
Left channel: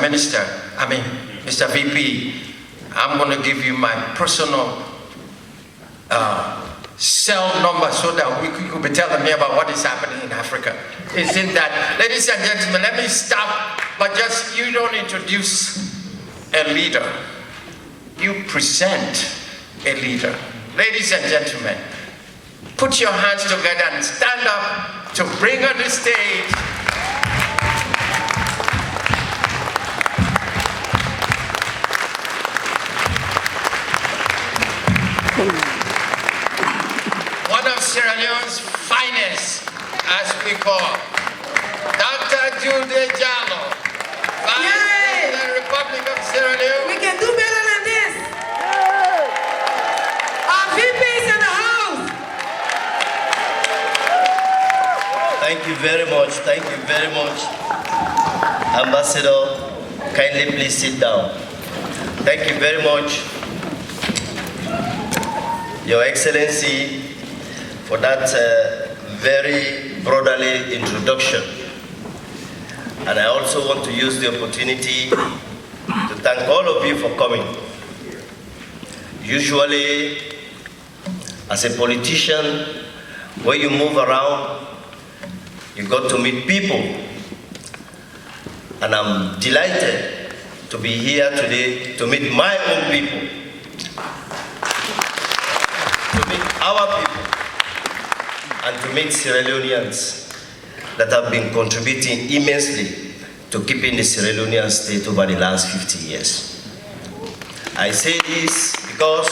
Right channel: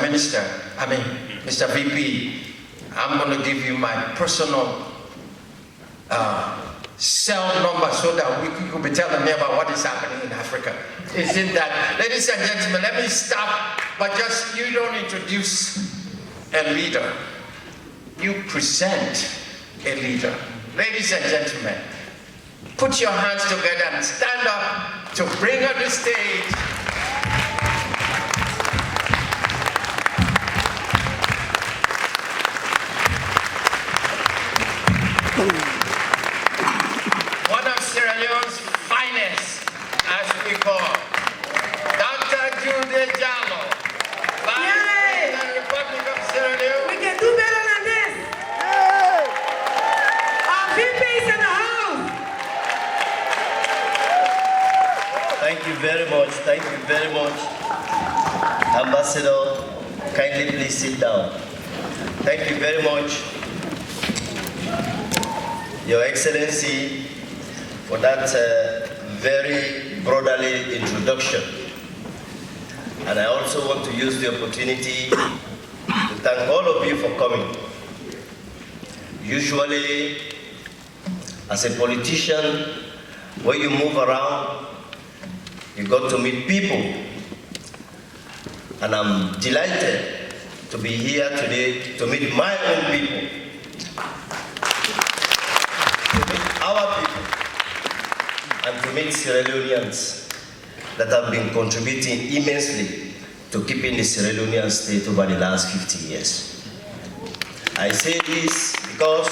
VP, I'm going to give you my personal cell number so that we could be telling me about what is happening in Africa. Isn't that, ladies and gentlemen, let me stop, but just, you don't introduce a leader. You present a leader. Ladies and gentlemen, put your hands together and stand up to bring on the stage one of Sierra Leone's finest, as we call, Dr. Juldeh Jalloh, Vice President of the Republic of Sierra Leone. We can do better than this. Our VP's in the house. Thank you very much. Thank you very much. Ambassador, kindly please sit down. Thank you very much, Your Excellency, for that very brotherly introduction. And I also want to use the opportunity to thank all of you for coming. Usually, as a politician, when you move around, you got to meet people. And I'm delighted to be here today to meet my own people, to meet our people, and to meet Sierra Leoneans that have been contributing immensely to to keeping the Sierra Leonean state over the last 50 years. I say this because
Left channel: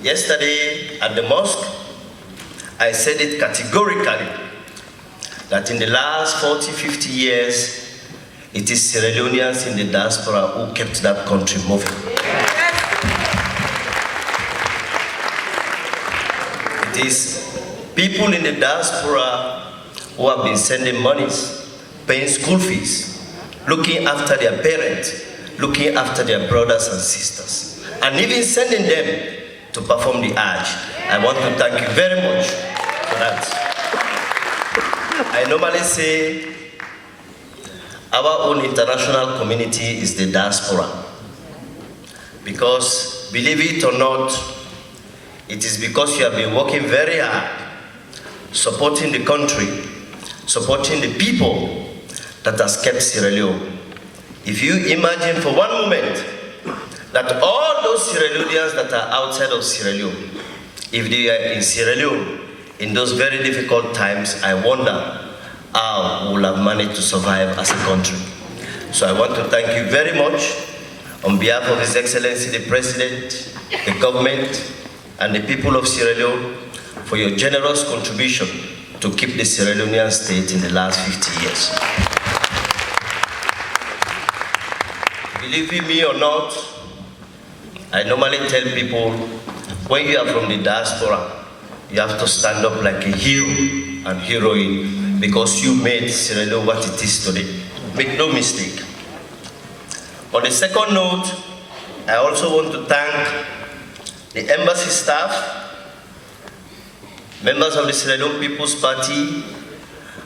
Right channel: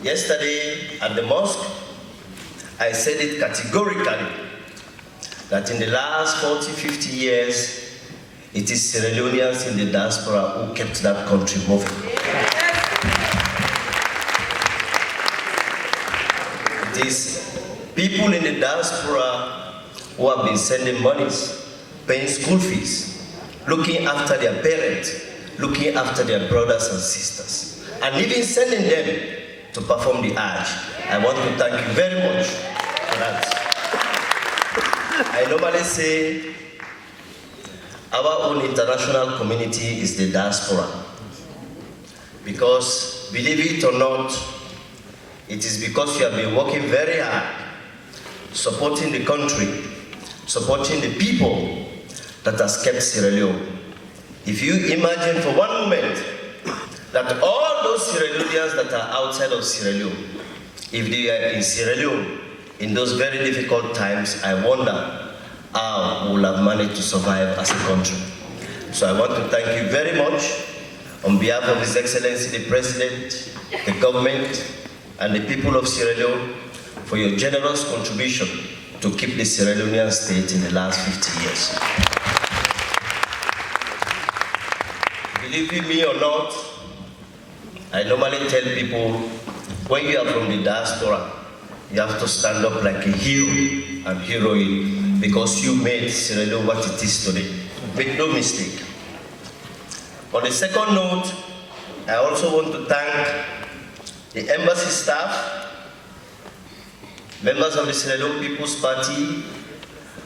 yesterday at the mosque, I said it categorically that in the last 40, 50 years, it is Sierra Leoneans in the diaspora who kept that country moving. It is people in the diaspora who have been sending monies, paying school fees, looking after their parents, looking after their brothers and sisters, and even sending them to perform the Hajj. I want to thank you very much for that. I normally say our own international community is the diaspora, because believe it or not, it is because you have been working very hard, supporting the country, supporting the people that has kept Sierra Leone. If you imagine for one moment that all those Sierra Leoneans that are outside of Sierra Leone, if they are in Sierra Leone in those very difficult times, I wonder how we will have managed to survive as a country. So I want to thank you very much on behalf of His Excellency the President, the government, and the people of Sierra Leone for your generous contribution to keep the Sierra Leonean state in the last 50 years. Believe me or not, I normally tell people, when you are from the diaspora, you have to stand up like a hero and heroine, because you made Sierra Leone what it is today. Make no mistake. On the second note, I also want to thank the embassy staff, members of the Sierra Leone People's Party,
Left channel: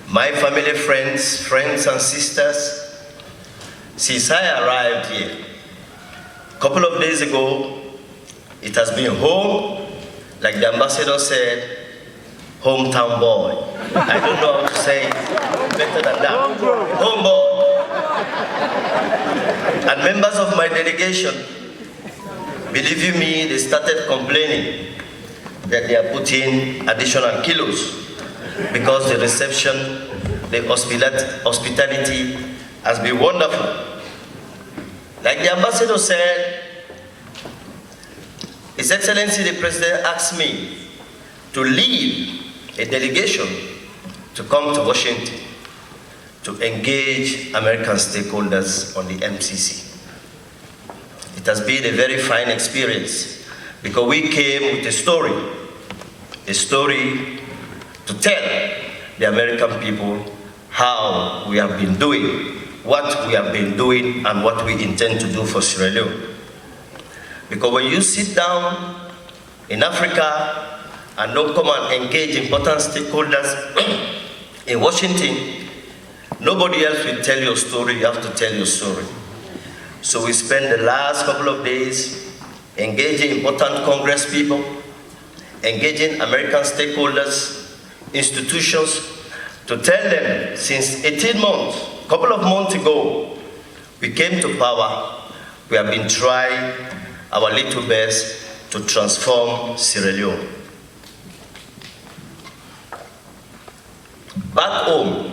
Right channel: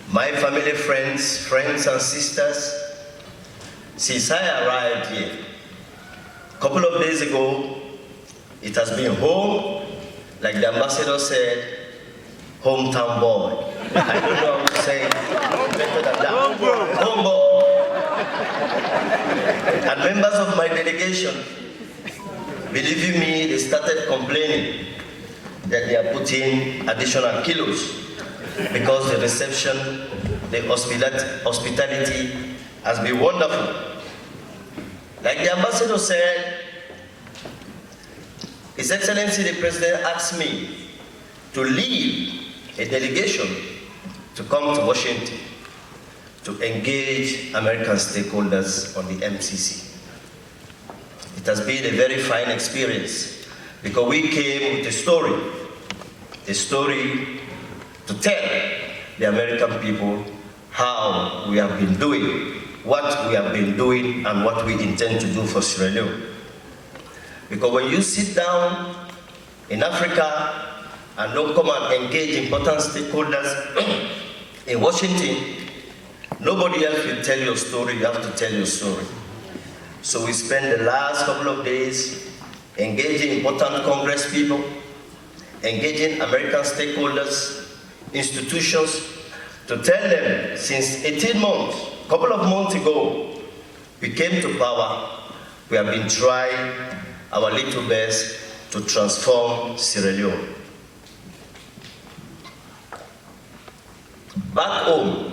my family, friends and sisters. Since I arrived here, a couple of days ago, it has been home, like the ambassador said, hometown boy. I don't know how to say it better than that. Home boy. And members of my delegation, believe you me, they started complaining that they are putting additional kilos because the reception, the hospitality has been wonderful. Like the ambassador said, His Excellency the President asked me to lead a delegation to come to Washington to engage American stakeholders on the MCC. It has been a very fine experience because we came with a story to tell the American people how we have been doing, what we have been doing, and what we intend to do for Sierra Leone. Because when you sit down in Africa and don't come and engage important stakeholders in Washington, nobody else will tell your story, you have to tell your story. So we spent the last couple of days engaging important Congress people, engaging American stakeholders, institutions, to tell them since 18 months, a couple of months ago, we came to power, we have been trying our little best to transform Sierra Leone. Back home,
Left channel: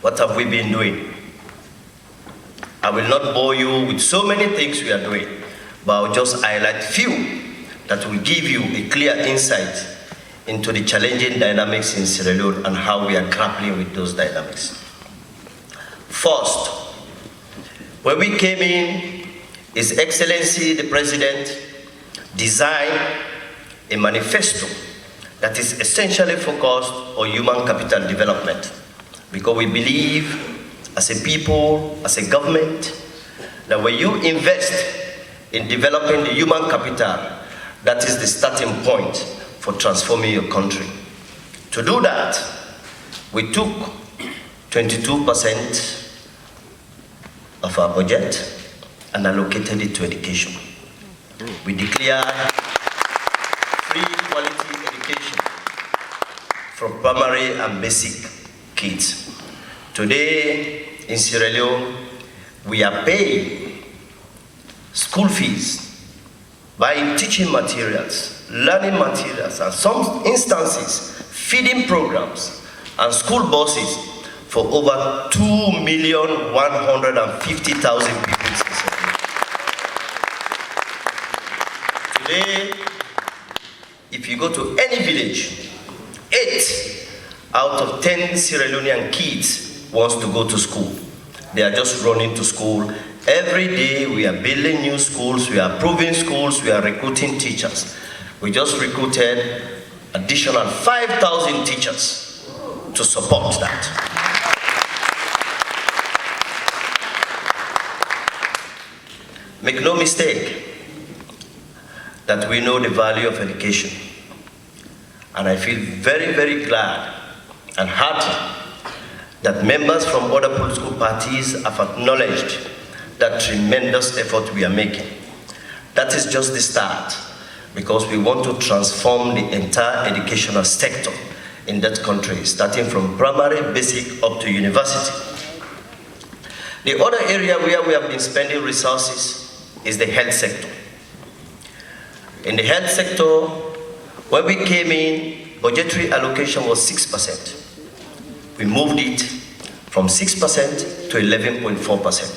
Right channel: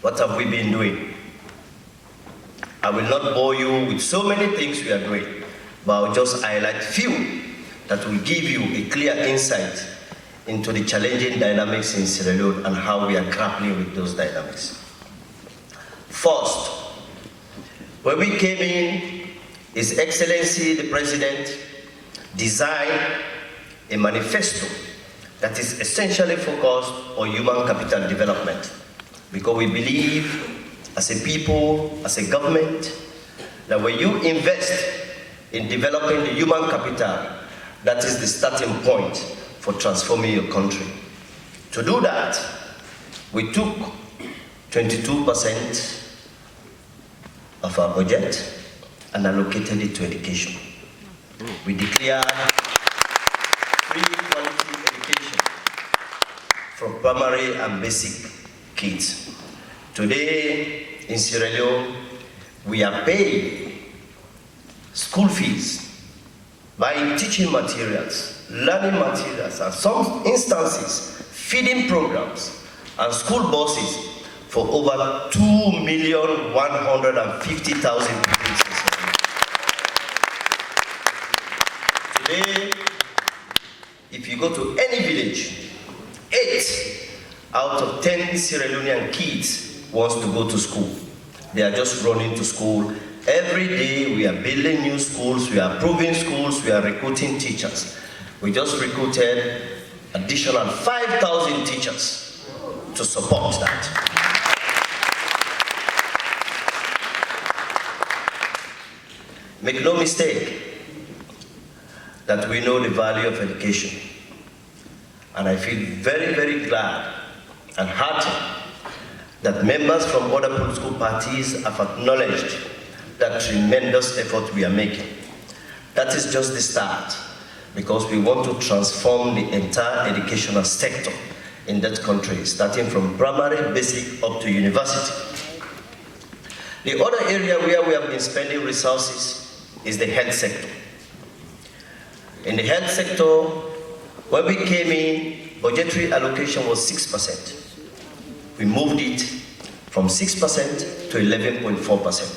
what have we been doing? I will not bore you with so many things we are doing, but I'll just highlight few that will give you a clear insight into the challenging dynamics in Sierra Leone and how we are grappling with those dynamics. First, when we came in, His Excellency the President designed a manifesto that is essentially focused on human capital development, because we believe as a people, as a government, that when you invest in developing the human capital, that is the starting point for transforming your country. To do that, we took 22% of our budget and allocated it to education. We declared free quality education for primary and basic kids. Today in Sierra Leone, we are paying school fees, buying teaching materials, learning materials, and some instances, feeding programs and school buses for over 2,150,000 people. Today, if you go to any village, 8 out of 10 Sierra Leonean kids wants to go to school. They are just running to school. Every day we are building new schools, we are improving schools, we are recruiting teachers. We just recruited additional 5,000 teachers to support that. Make no mistake that we know the value of education. And I feel very, very glad and happy that members from other political parties have acknowledged that tremendous effort we are making. That is just the start, because we want to transform the entire educational sector in that country, starting from primary, basic, up to university. The other area where we have been spending resources is the health sector. In the health sector, when we came in, budgetary allocation was 6%. We moved it from 6% to 11.4%.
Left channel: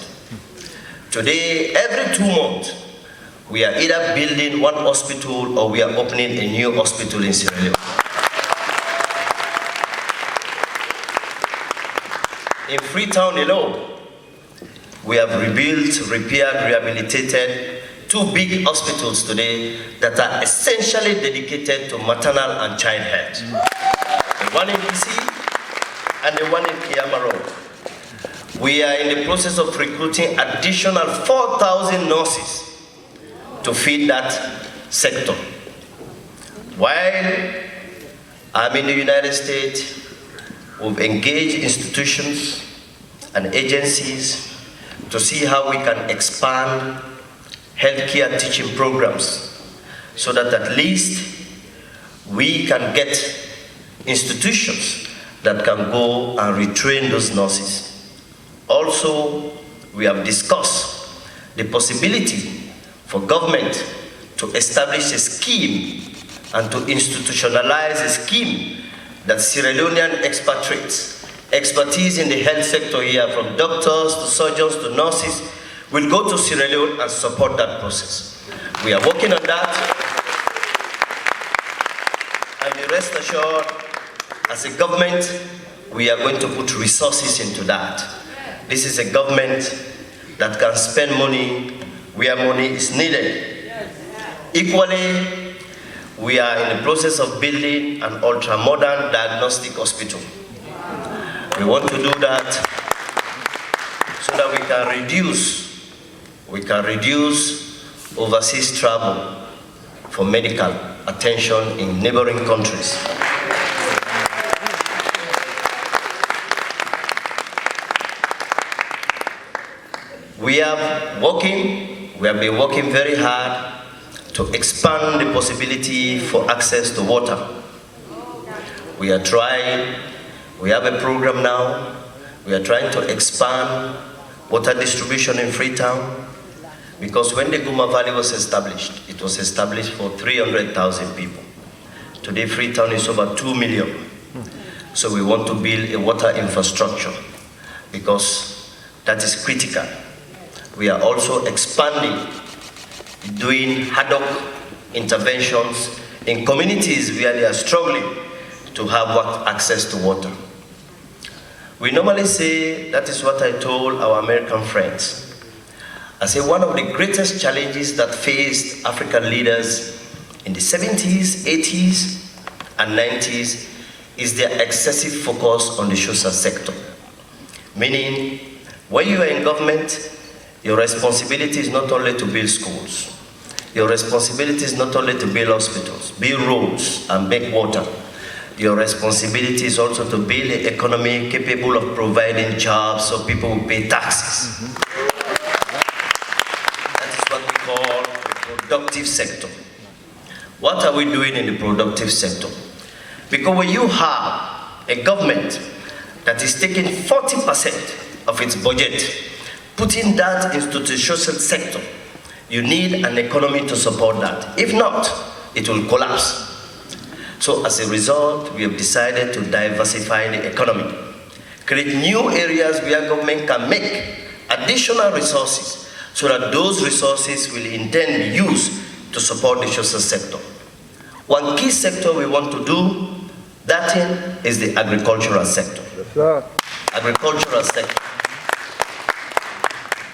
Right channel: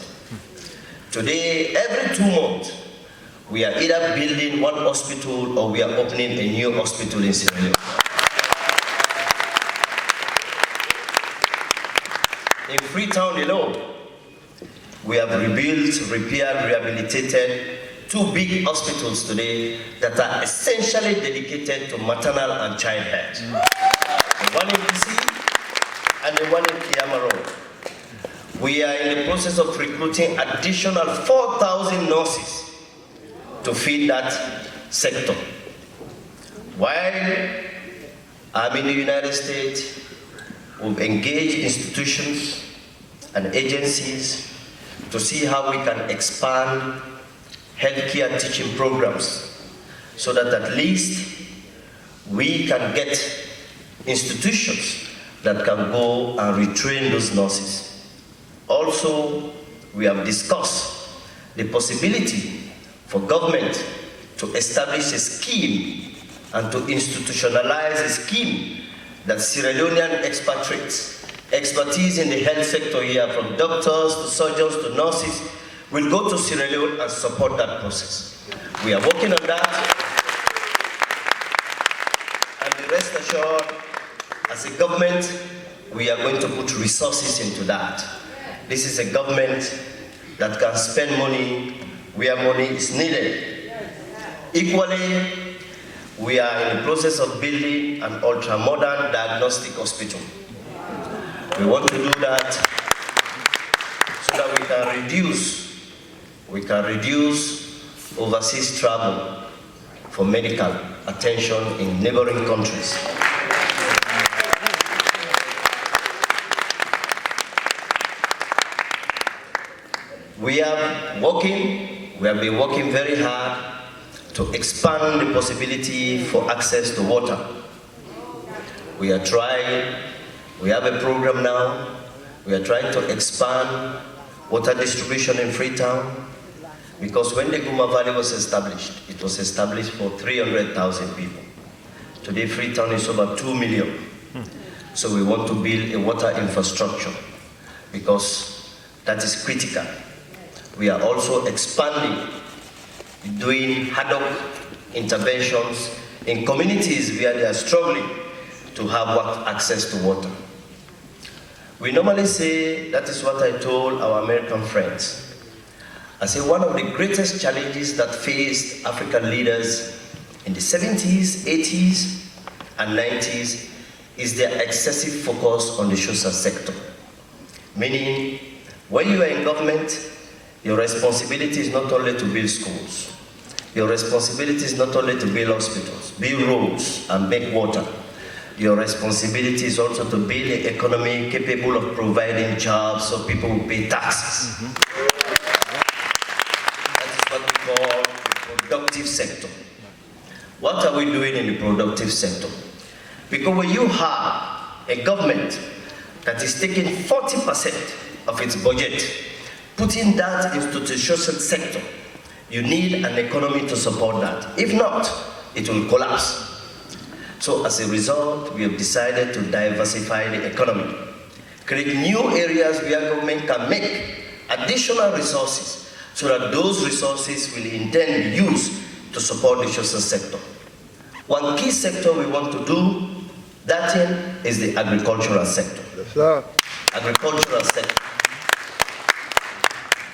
Today, every 2 months, we are either building one hospital or we are opening a new hospital in Sierra Leone. In Freetown alone, we have rebuilt, repaired, rehabilitated 2 big hospitals today that are essentially dedicated to maternal and child health. The one in DC and the one in Kiama Road. We are in the process of recruiting additional 4,000 nurses to feed that sector. While I'm in the United States, we've engaged institutions and agencies to see how we can expand healthcare teaching programs so that at least we can get institutions that can go and retrain those nurses. Also, we have discussed the possibility for government to establish a scheme and to institutionalize a scheme that Sierra Leonean expatriates, expertise in the health sector here, from doctors to surgeons to nurses, will go to Sierra Leone and support that process. We are working on that, and be rest assured, as a government, we are going to put resources into that. This is a government that can spend money where money is needed. Equally, we are in the process of building an ultra-modern diagnostic hospital. We want to do that so that we can reduce overseas travel for medical attention in neighboring countries. We have been working very hard to expand the possibility for access to water. We are trying, we have a program now, we are trying to expand water distribution in Freetown, because when the Guma Valley was established, it was established for 300,000 people. Today Freetown is over 2 million. So we want to build a water infrastructure because that is critical. We are also expanding, doing ad hoc interventions in communities where they are struggling to have access to water. We normally say, that is what I told our American friends. I say one of the greatest challenges that faced African leaders in the 70s, 80s, and 90s is their excessive focus on the social sector. Meaning, when you are in government, your responsibility is not only to build schools. Your responsibility is not only to build hospitals, build roads, and make water. Your responsibility is also to build an economy capable of providing jobs so people will pay taxes. That is what we call the productive sector. What are we doing in the productive sector? Because when you have a government that is taking 40% of its budget, putting that into the social sector, you need an economy to support that. If not, it will collapse. So as a result, we have decided to diversify the economy. create new areas where government can make additional resources so that those resources will in turn be used to support the social sector. One key sector we want to do that in is the agricultural sector. Yes, sir. Agricultural sector.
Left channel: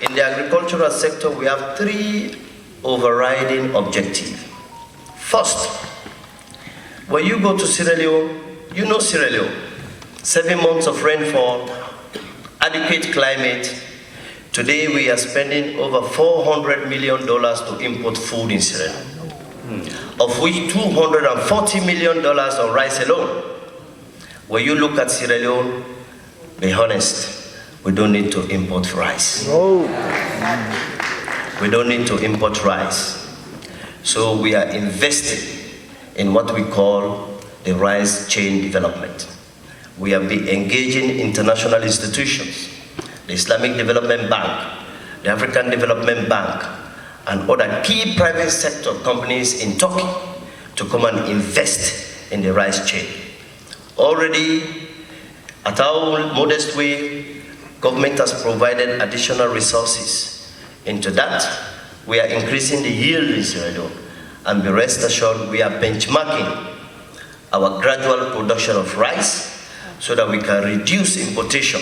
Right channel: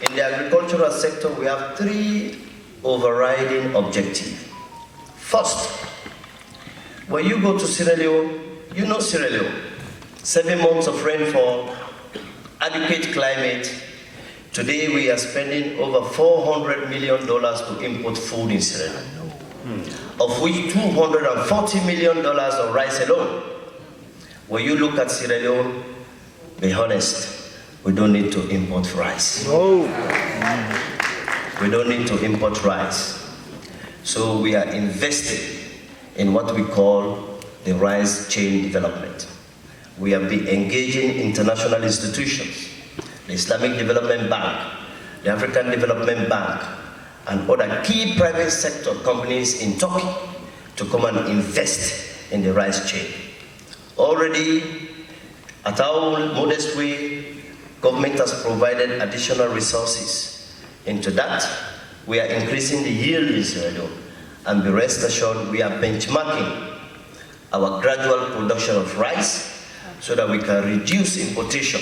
In the agricultural sector, we have 3 overriding objectives. First, when you go to Sierra Leone, you know Sierra Leone. 7 months of rainfall, adequate climate. Today we are spending over $400 million to import food in Sierra Leone, of which $240 million on rice alone. When you look at Sierra Leone, be honest, we don't need to import rice. No. We don't need to import rice. So we are investing in what we call the rice chain development. We have been engaging international institutions, the Islamic Development Bank, the African Development Bank, and other key private sector companies in Turkey to come and invest in the rice chain. Already, at our modest way, government has provided additional resources into that. We are increasing the yield in Sierra Leone, and be rest assured we are benchmarking our gradual production of rice so that we can reduce importation,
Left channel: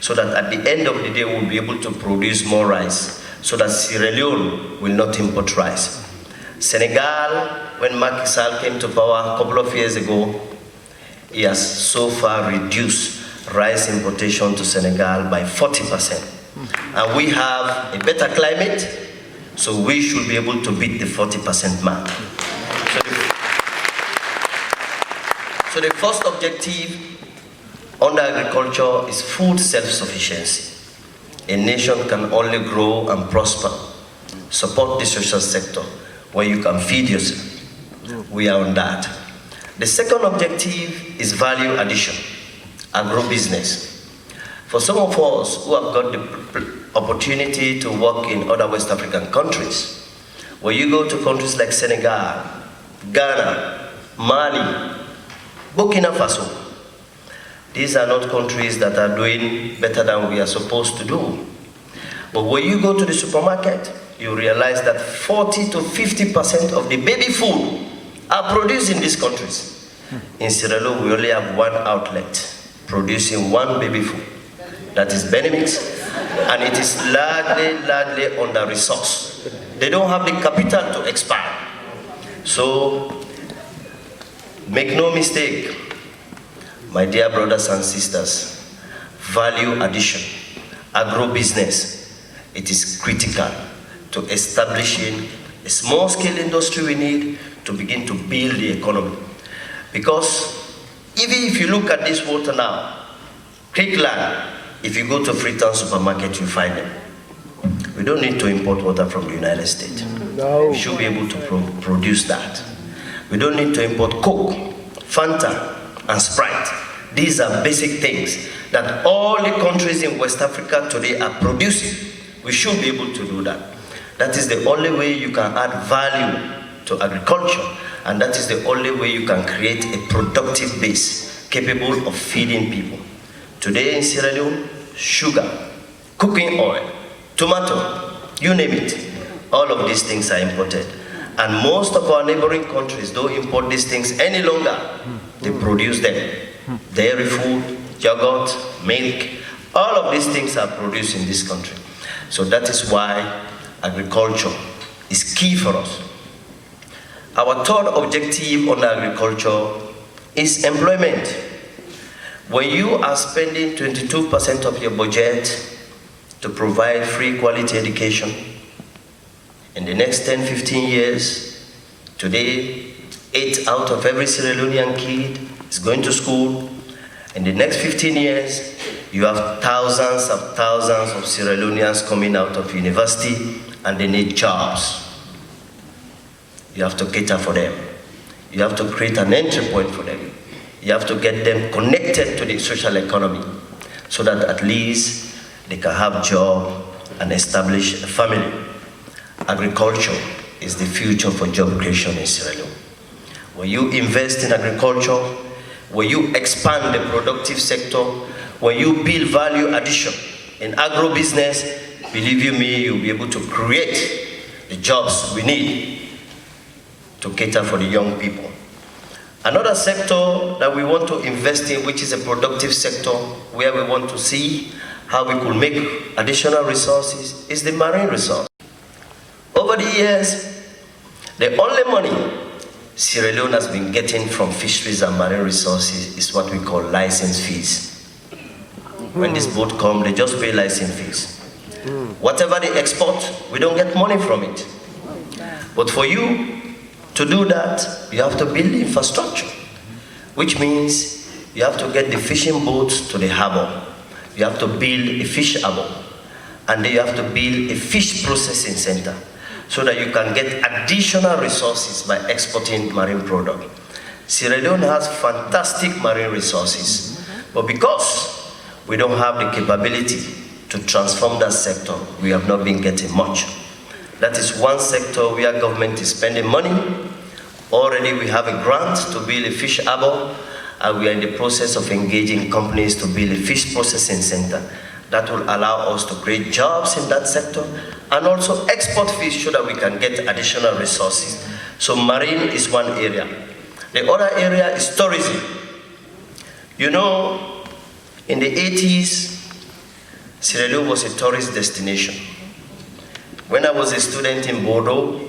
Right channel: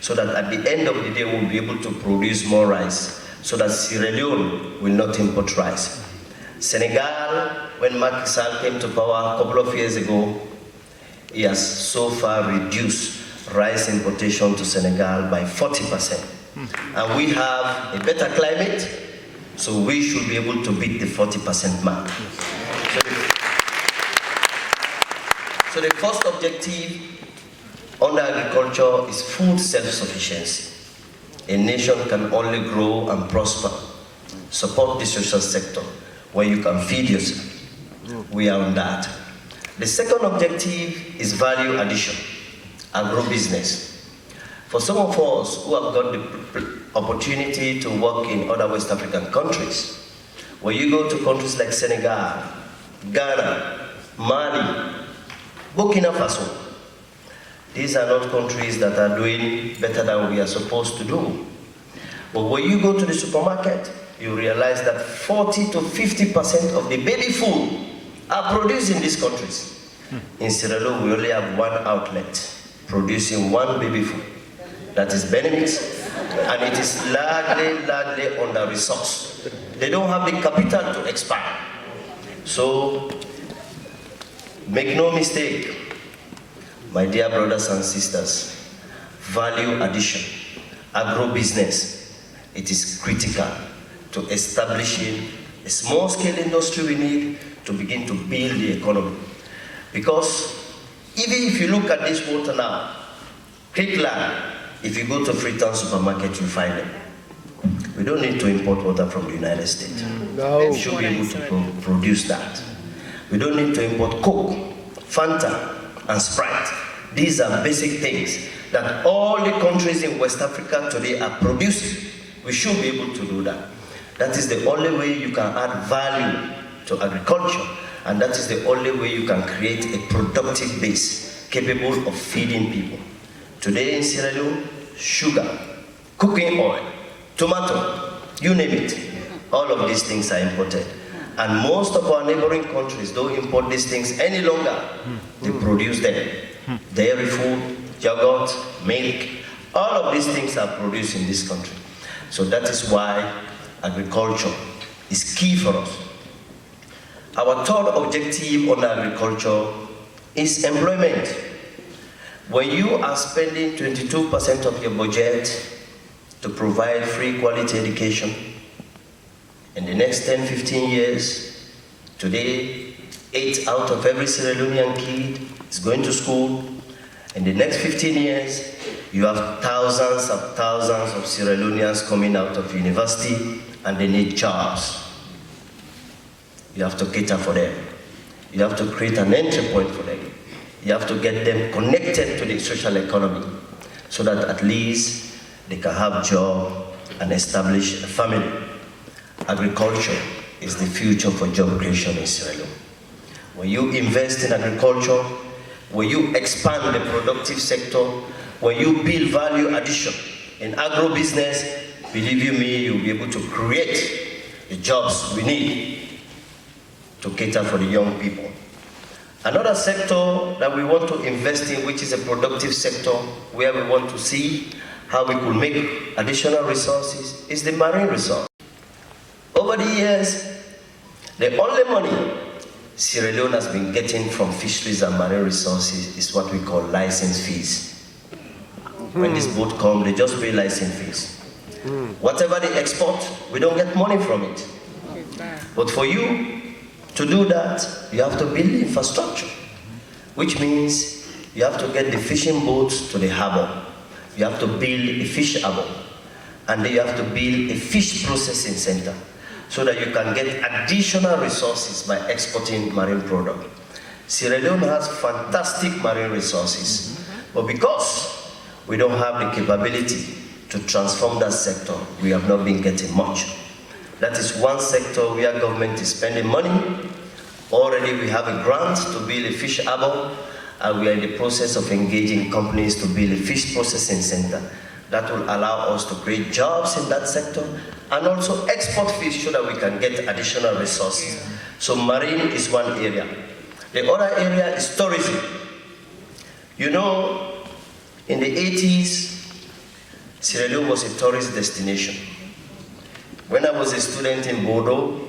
so that at the end of the day we'll be able to produce more rice, so that Sierra Leone will not import rice. Senegal, when Macky Sall came to power a couple of years ago, he has so far reduced rice importation to Senegal by 40%. And we have a better climate, so we should be able to beat the 40% mark. So the first objective under agriculture is food self-sufficiency. A nation can only grow and prosper, support the social sector, where you can feed yourself. We are on that. The second objective is value addition, agro-business. For some of us who have got the opportunity to work in other West African countries, where you go to countries like Senegal, Ghana, Mali, Burkina Faso, these are not countries that are doing better than we are supposed to do. But when you go to the supermarket, you realize that 40 to 50% of the baby food are produced in these countries. In Sierra Leone, we only have 1 outlet producing 1 baby food. That is Benimix, and it is largely under-resourced. They don't have the capital to expand. So, make no mistake, my dear brothers and sisters, value addition, agro-business, it is critical to establishing a small-scale industry we need to begin to build the economy. Because even if you look at this water now, Creek land, if you go to Freetown supermarket, you find them. We don't need to import water from the United States. No. We should be able to produce that. We don't need to import Coke, Fanta, and Sprite. These are basic things that all the countries in West Africa today are producing. We should be able to do that. That is the only way you can add value to agriculture, and that is the only way you can create a productive base capable of feeding people. Today in Sierra Leone, sugar, cooking oil, tomato, you name it, all of these things are imported. And most of our neighboring countries don't import these things any longer. They produce them. Dairy food, yogurt, milk, all of these things are produced in this country. So that is why agriculture is key for us. Our third objective on agriculture is employment. When you are spending 22% of your budget to provide free quality education, in the next 10-15 years, today, 8 out of every Sierra Leonean kid is going to school. In the next 15 years, you have thousands of Sierra Leoneans coming out of university and they need jobs. You have to cater for them. You have to create an entry point for them. You have to get them connected to the social economy so that at least they can have a job and establish a family. Agriculture is the future for job creation in Sierra Leone. When you invest in agriculture, when you expand the productive sector, When you build value addition in agro-business, believe you me, you'll be able to create the jobs we need to cater for the young people. Another sector that we want to invest in, which is a productive sector, where we want to see how we could make additional resources, is the marine resource. Over the years, the only money Sierra Leone has been getting from fisheries and marine resources is what we call license fees. When this boat comes, they just pay license fees. Whatever they export, we don't get money from it. But for you to do that, you have to build the infrastructure, which means you have to get the fishing boats to the harbor. You have to build a fish harbor, and then you have to build a fish processing center so that you can get additional resources by exporting marine product. Sierra Leone has fantastic marine resources, but because we don't have the capability to transform that sector, we have not been getting much. That is one sector where government is spending money. Already we have a grant to build a fish harbor, and we are in the process of engaging companies to build a fish processing center. That will allow us to create jobs in that sector and also export fish so that we can get additional resources. So marine is one area. The other area is tourism. You know, in the 80s, Sierra Leone was a tourist destination. When I was a student in Bordeaux,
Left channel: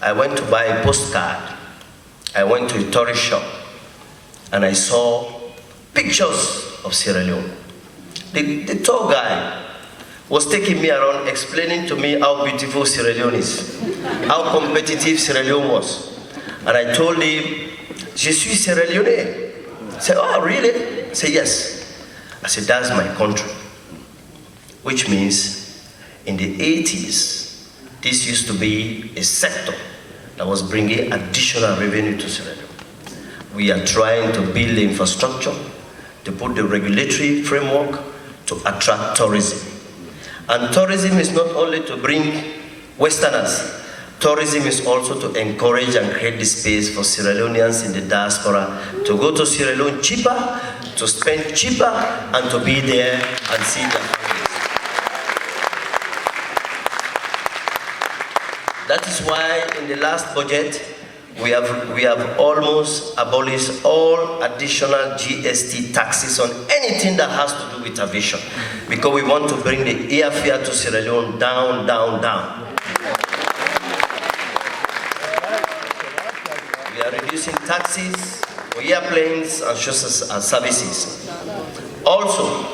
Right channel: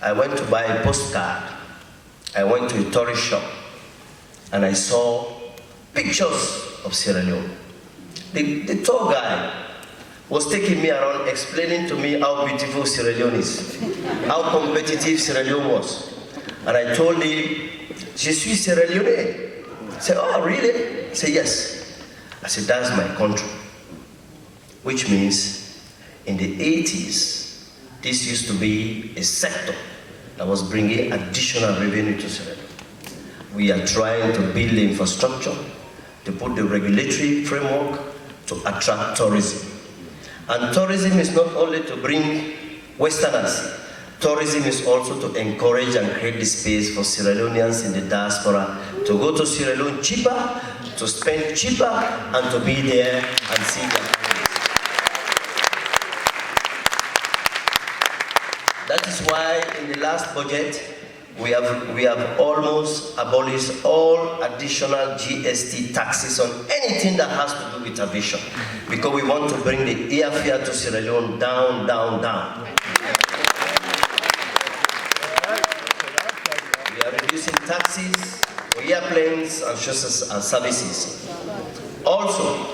I went to buy a postcard. I went to a tourist shop and I saw pictures of Sierra Leone. The tour guy was taking me around explaining to me how beautiful Sierra Leone is, how competitive Sierra Leone was. And I told him, "Je suis Sierra Leone." He said, "Oh, really?" I said, "Yes." I said, "That's my country." Which means in the 80s, this used to be a sector that was bringing additional revenue to Sierra Leone. We are trying to build the infrastructure, to put the regulatory framework to attract tourism. And tourism is not only to bring Westerners. Tourism is also to encourage and create the space for Sierra Leoneans in the diaspora to go to Sierra Leone cheaper, to spend cheaper, and to be there and see their families. That is why in the last budget, we have almost abolished all additional GST taxes on anything that has to do with aviation, because we want to bring the airfare to Sierra Leone down, down, down. We are reducing taxes for airplanes and services. Also,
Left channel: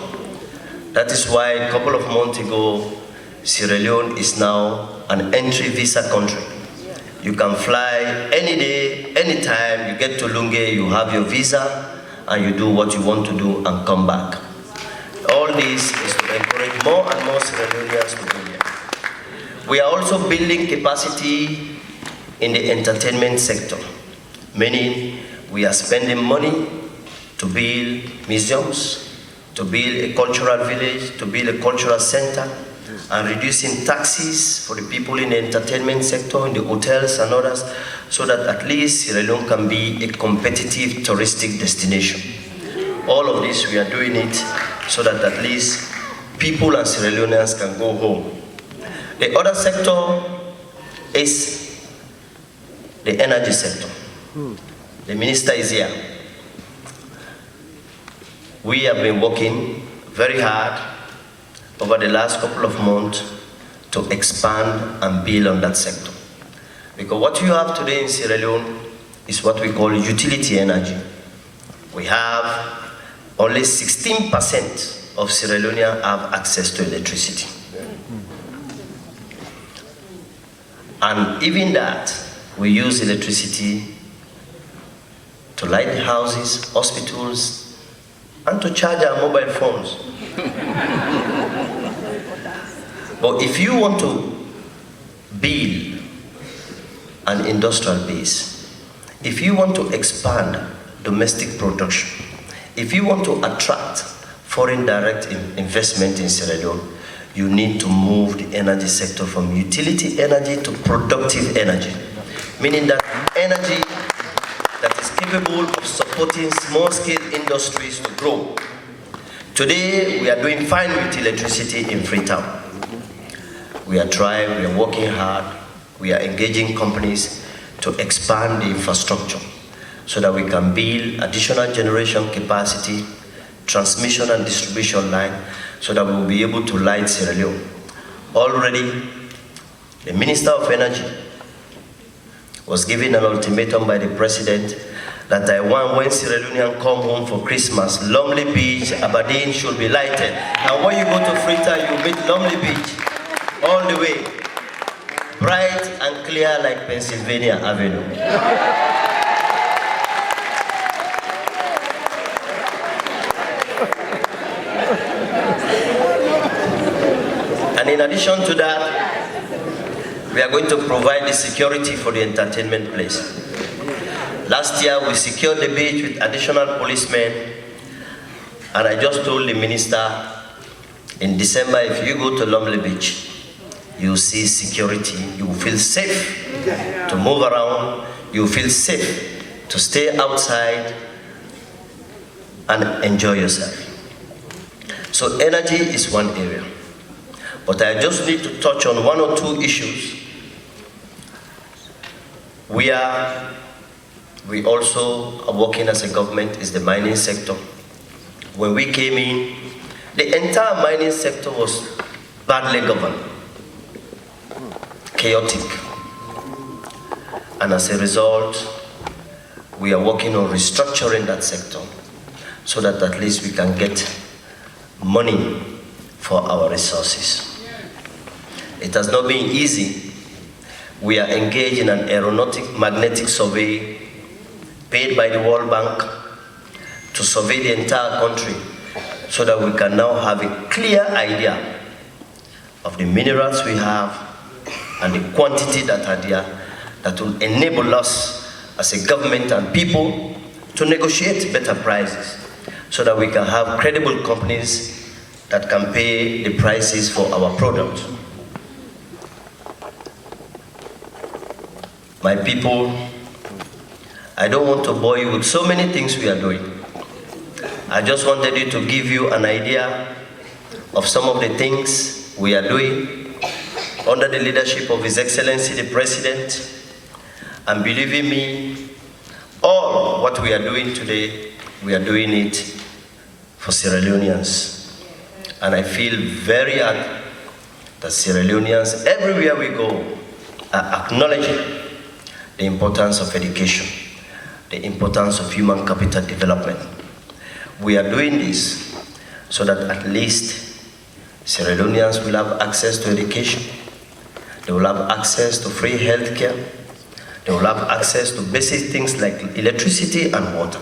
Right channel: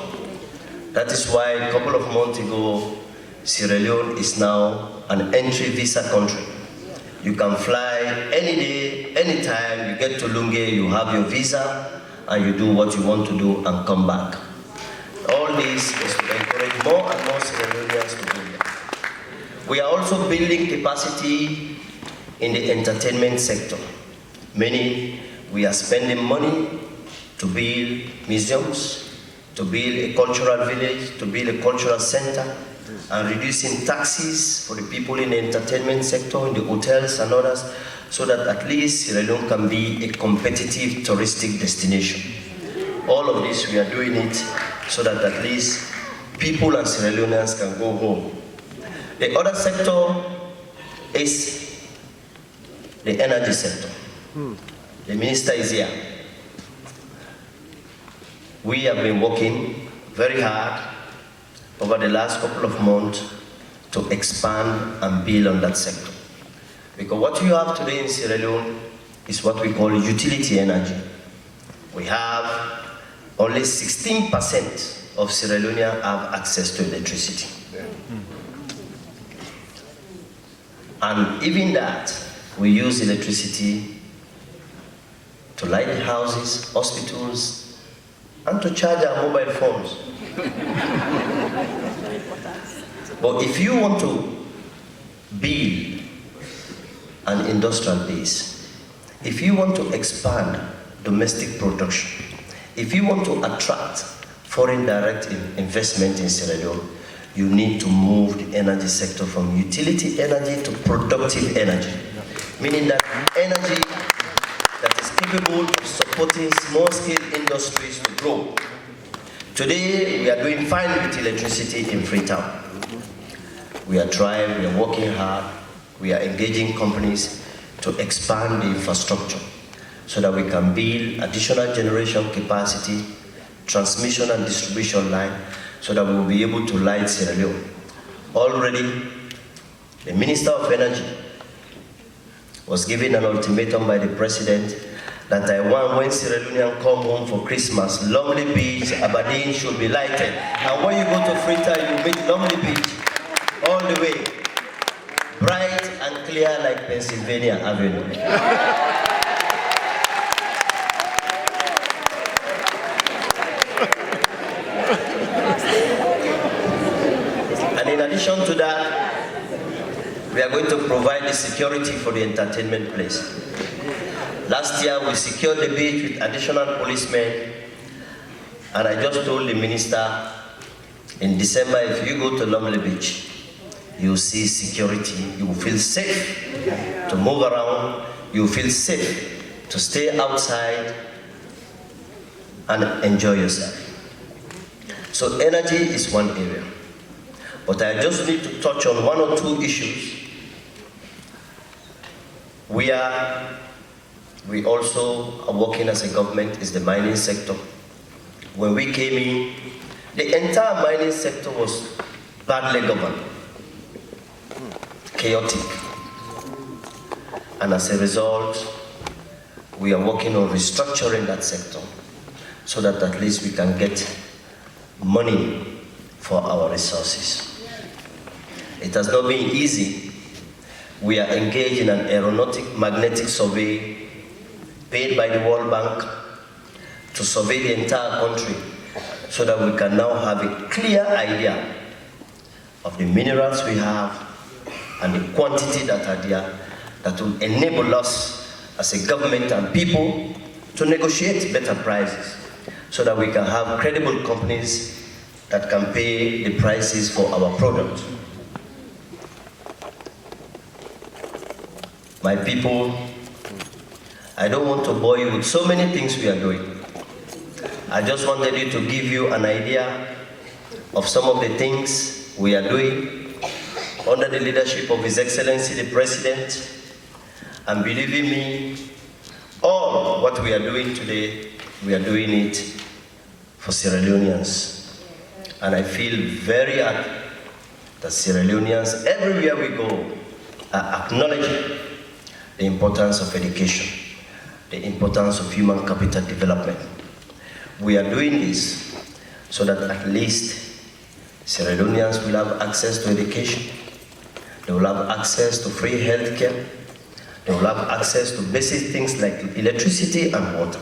that is why a couple of months ago, Sierra Leone is now an entry visa country. You can fly any day, anytime. You get to Lunge, you have your visa, and you do what you want to do and come back. All this is to encourage more and more Sierra Leoneans to be here. We are also building capacity in the entertainment sector. Meaning, we are spending money to build museums, to build a cultural village, to build a cultural center, and reducing taxes for the people in the entertainment sector, in the hotels and others, so that at least Sierra Leone can be a competitive touristic destination. All of this, we are doing it so that at least people and Sierra Leoneans can go home. The other sector is the energy sector. The minister is here. We have been working very hard over the last couple of months to expand and build on that sector. Because what you have today in Sierra Leone is what we call utility energy. We have only 16% of Sierra Leoneans have access to electricity. And even that, we use electricity to light the houses, hospitals, and to charge our mobile phones. But if you want to build an industrial base, if you want to expand domestic production, if you want to attract foreign direct investment in Sierra Leone, you need to move the energy sector from utility energy to productive energy, meaning that energy that is capable of supporting small-scale industries to grow. Today, we are doing fine with electricity in Freetown. We are trying, we are working hard, we are engaging companies to expand the infrastructure so that we can build additional generation capacity, transmission and distribution line, so that we will be able to light Sierra Leone. Already, the Minister of Energy was given an ultimatum by the President that I want when Sierra Leoneans come home for Christmas, Lonely Beach, Aberdeen should be lighted. Now when you go to Freetown, you meet Lonely Beach all the way, bright and clear like Pennsylvania Avenue. And in addition to that, we are going to provide the security for the entertainment place. Last year, we secured the beach with additional policemen, and I just told the minister, in December, if you go to Lonely Beach, you see security, you will feel safe to move around, you will feel safe to stay outside and enjoy yourself. So energy is one area, but I just need to touch on one or two issues. We also are working as a government is the mining sector. When we came in, the entire mining sector was badly governed, chaotic. And as a result, we are working on restructuring that sector so that at least we can get money for our resources. It has not been easy. We are engaged in an aeronautic magnetic survey paid by the World Bank to survey the entire country so that we can now have a clear idea of the minerals we have and the quantity that are there that will enable us as a government and people to negotiate better prices so that we can have credible companies that can pay the prices for our products. My people, I don't want to bore you with so many things we are doing. I just wanted to give you an idea of some of the things we are doing under the leadership of His Excellency the President. And believe in me, all what we are doing today, we are doing it for Sierra Leoneans. And I feel very happy that Sierra Leoneans, everywhere we go, are acknowledging the importance of education, the importance of human capital development. We are doing this so that at least Sierra Leoneans will have access to education, they will have access to free healthcare, they will have access to basic things like electricity and water.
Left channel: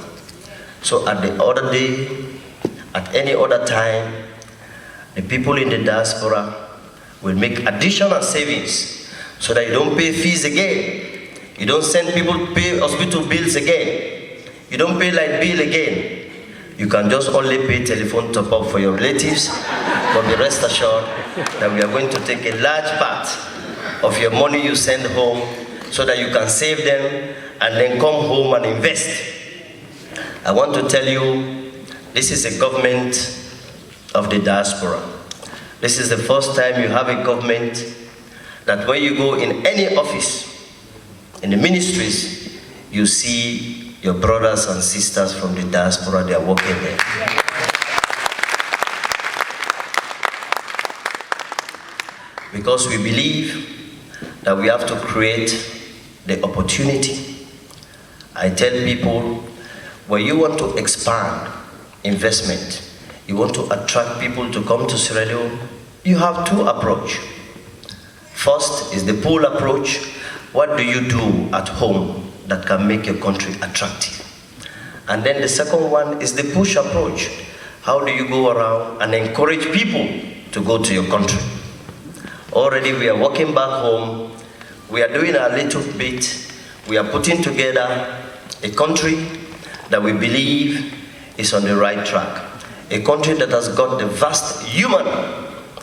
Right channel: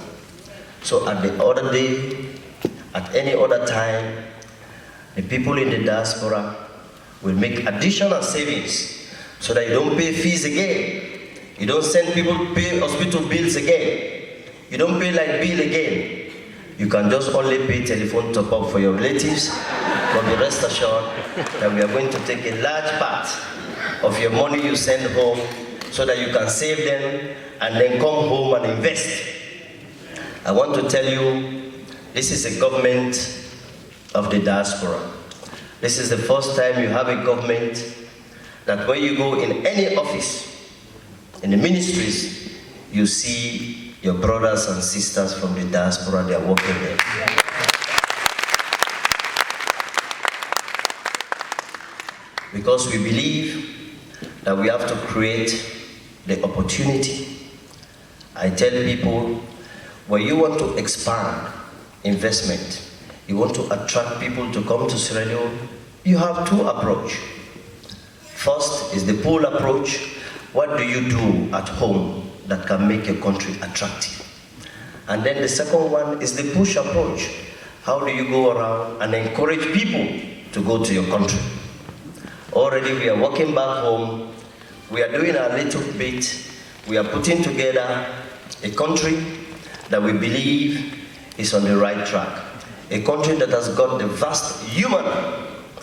So at the other day, at any other time, the people in the diaspora will make additional savings so that you don't pay fees again. You don't send people to pay hospital bills again. You don't pay light bill again. You can just only pay telephone top up for your relatives, but be rest assured that we are going to take a large part of your money you send home so that you can save them and then come home and invest. I want to tell you, this is a government of the diaspora. This is the first time you have a government that when you go in any office, in the ministries, you see your brothers and sisters from the diaspora, they are working there. Because we believe that we have to create the opportunity. I tell people, when you want to expand investment, you want to attract people to come to Sierra Leone, you have two approaches. First is the pull approach. What do you do at home that can make your country attractive? And then the second one is the push approach. How do you go around and encourage people to go to your country? Already we are working back home. We are doing a little bit. We are putting together a country that we believe is on the right track. A country that has got the vast human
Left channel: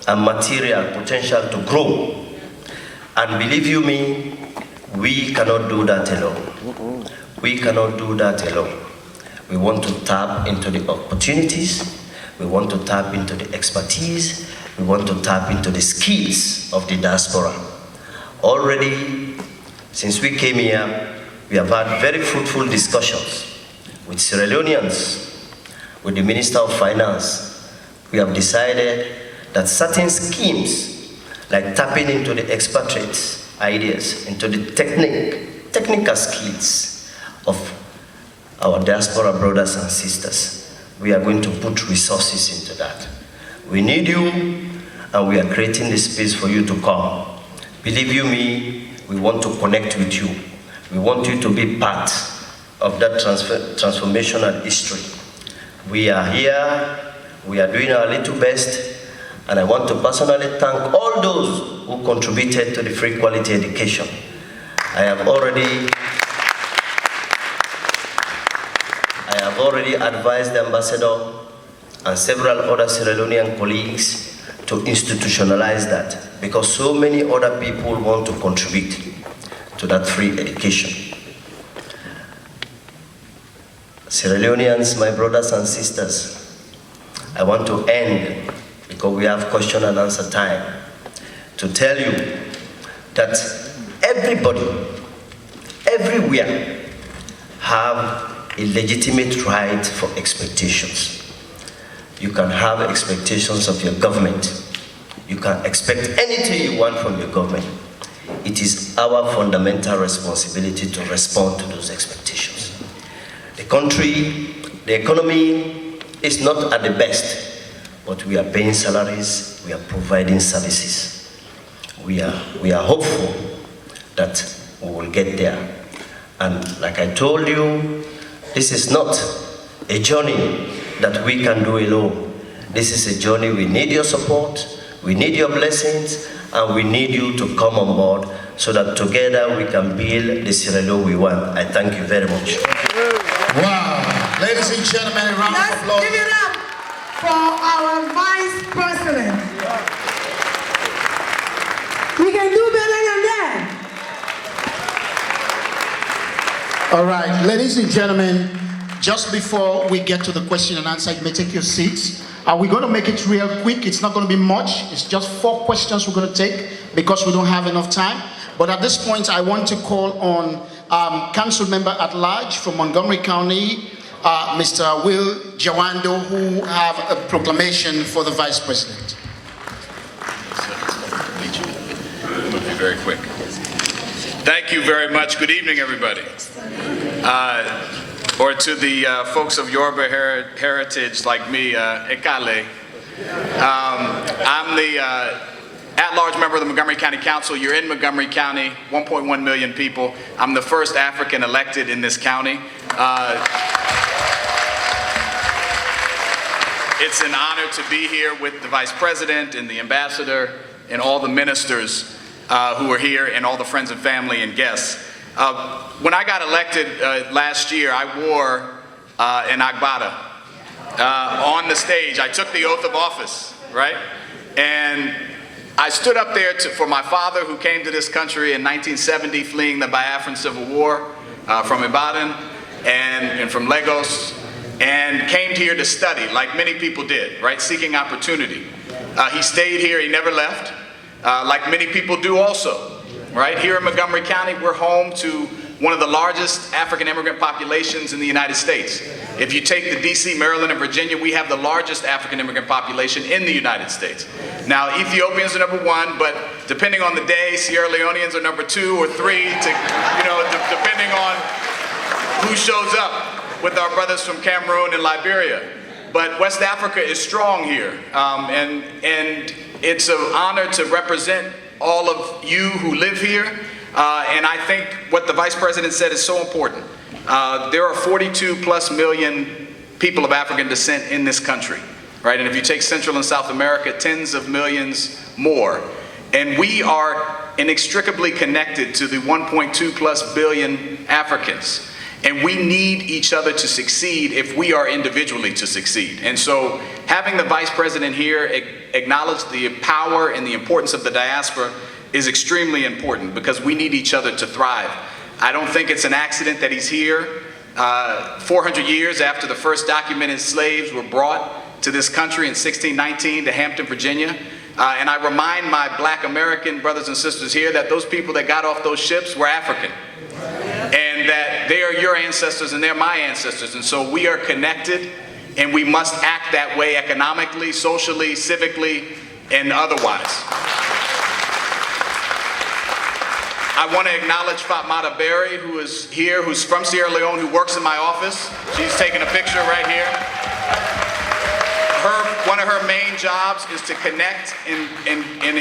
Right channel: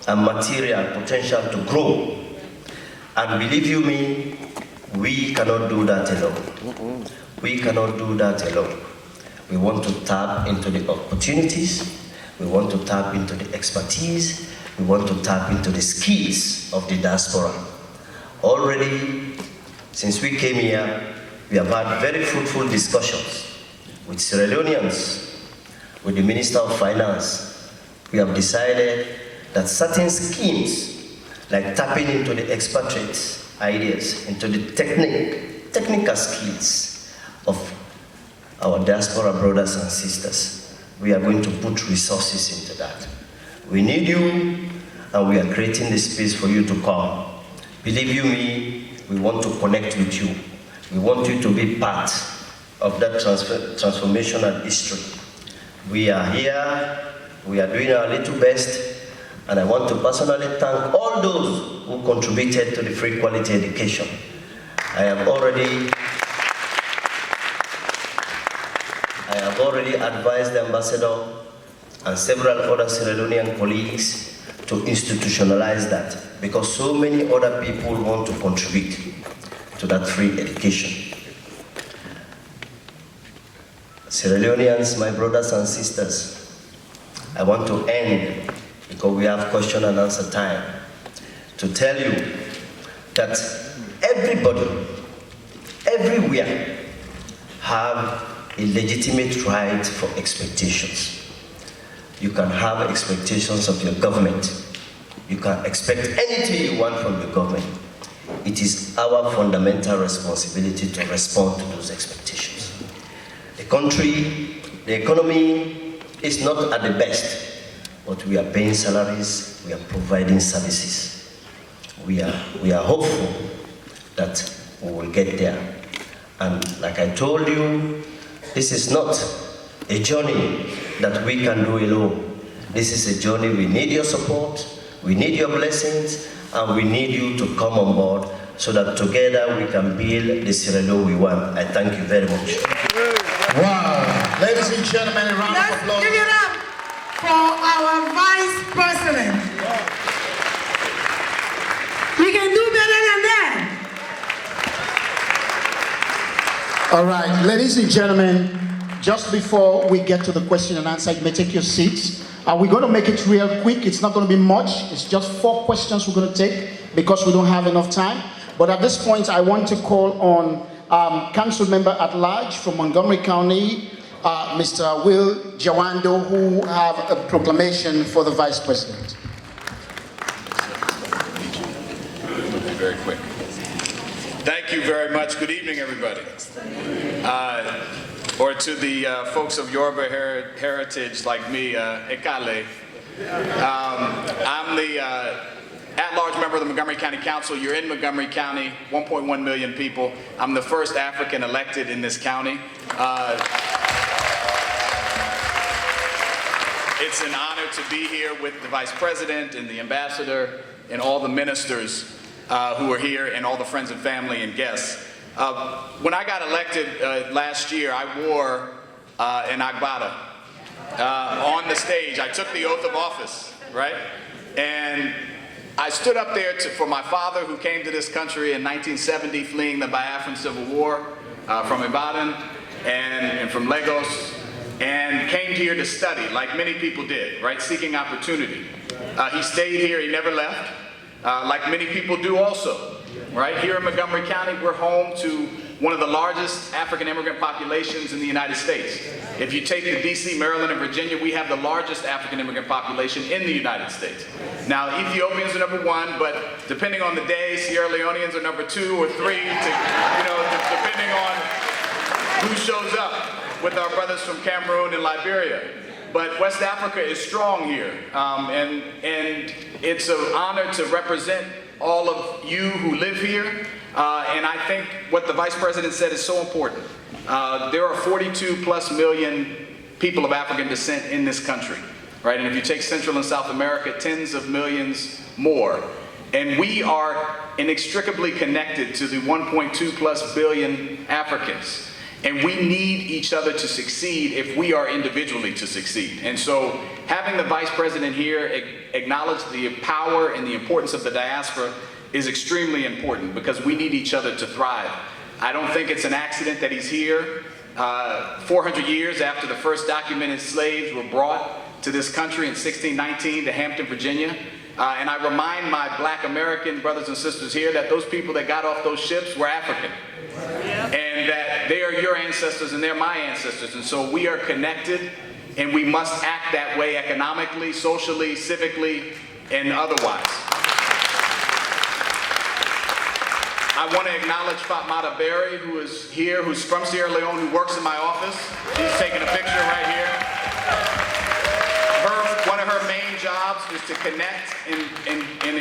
and material potential to grow. And believe you me, we cannot do that alone. We cannot do that alone. We want to tap into the opportunities. We want to tap into the expertise. We want to tap into the skills of the diaspora. Already, since we came here, we have had very fruitful discussions with Sierra Leoneans, with the Minister of Finance. We have decided that certain schemes, like tapping into the expatriate ideas, into the technical skills of our diaspora brothers and sisters, we are going to put resources into that. We need you, and we are creating the space for you to come. Believe you me, we want to connect with you. We want you to be part of that transformational history. We are here, we are doing our little best, and I want to personally thank all those who contributed to the free quality education. I have already advised the ambassador and several other Sierra Leonean colleagues to institutionalize that, because so many other people want to contribute to that free education. Sierra Leoneans, my brothers and sisters, I want to end, because we have question and answer time, to tell you that everybody, everywhere, have a legitimate right for expectations. You can have expectations of your government. You can expect anything you want from your government. It is our fundamental responsibility to respond to those expectations. The country, the economy is not at the best, but we are paying salaries, we are providing services. We are hopeful that we will get there. And like I told you, this is not a journey that we can do alone. This is a journey we need your support, we need your blessings, and we need you to come on board so that together we can build the Sierra Leone we want. I thank you very much. Wow. Ladies and gentlemen, a round of Let's applause. give it up for our Vice President. We can do better than that. All right, ladies and gentlemen, just before we get to the question and answer, you may take your seats. We're going to make it real quick. It's not going to be much. It's just 4 questions we're going to take because we don't have enough time. But at this point, I want to call on Council Member at Large from Montgomery County, Mr. Will Jawando, who have a proclamation for the Vice President. It'll be very quick. Thank you very much. Good evening, everybody. Or to the folks of Yoruba heritage like me, Ekale. I'm the at-large member of the Montgomery County Council. You're in Montgomery County, 1.1 million people. I'm the first African elected in this county. It's an honor to be here with the Vice President and the Ambassador and all the ministers who are here, and all the friends and family and guests. When I got elected last year, I wore an agbada on the stage. I took the oath of office, right? And I stood up there for my father, who came to this country in 1970, fleeing the Biafran Civil War from Ibadan and from Lagos, and came here to study, like many people did, right? Seeking opportunity. He stayed here, he never left, like many people do also. Right here in Montgomery County, we're home to one of the largest African immigrant populations in the United States. If you take the DC, Maryland, and Virginia, we have the largest African immigrant population in the United States. Now, Ethiopians are number 1, but depending on the day, Sierra Leoneans are number 2 or 3, depending on who shows up with our brothers from Cameroon and Liberia. But West Africa is strong here, and it's an honor to represent all of you who live here, and I think what the Vice President said is so important. There are 42+ million people of African descent in this country, right? And if you take Central and South America, tens of millions more. And we are inextricably connected to the 1.2+ billion Africans. And we need each other to succeed if we are individually to succeed. And so having the Vice President here acknowledge the power and the importance of the diaspora is extremely important, because we need each other to thrive. I don't think it's an accident that he's here 400 years after the first documented slaves were brought to this country in 1619 to Hampton, Virginia. And I remind my Black American brothers and sisters here that those people that got off those ships were African. And that they are your ancestors and they're my ancestors. And so we are connected, and we must act that way economically, socially, civically, and otherwise. I want to acknowledge Fatmata Berry, who is here, who's from Sierra Leone, who works in my office. She's taking a picture right here. One of her main jobs is to connect and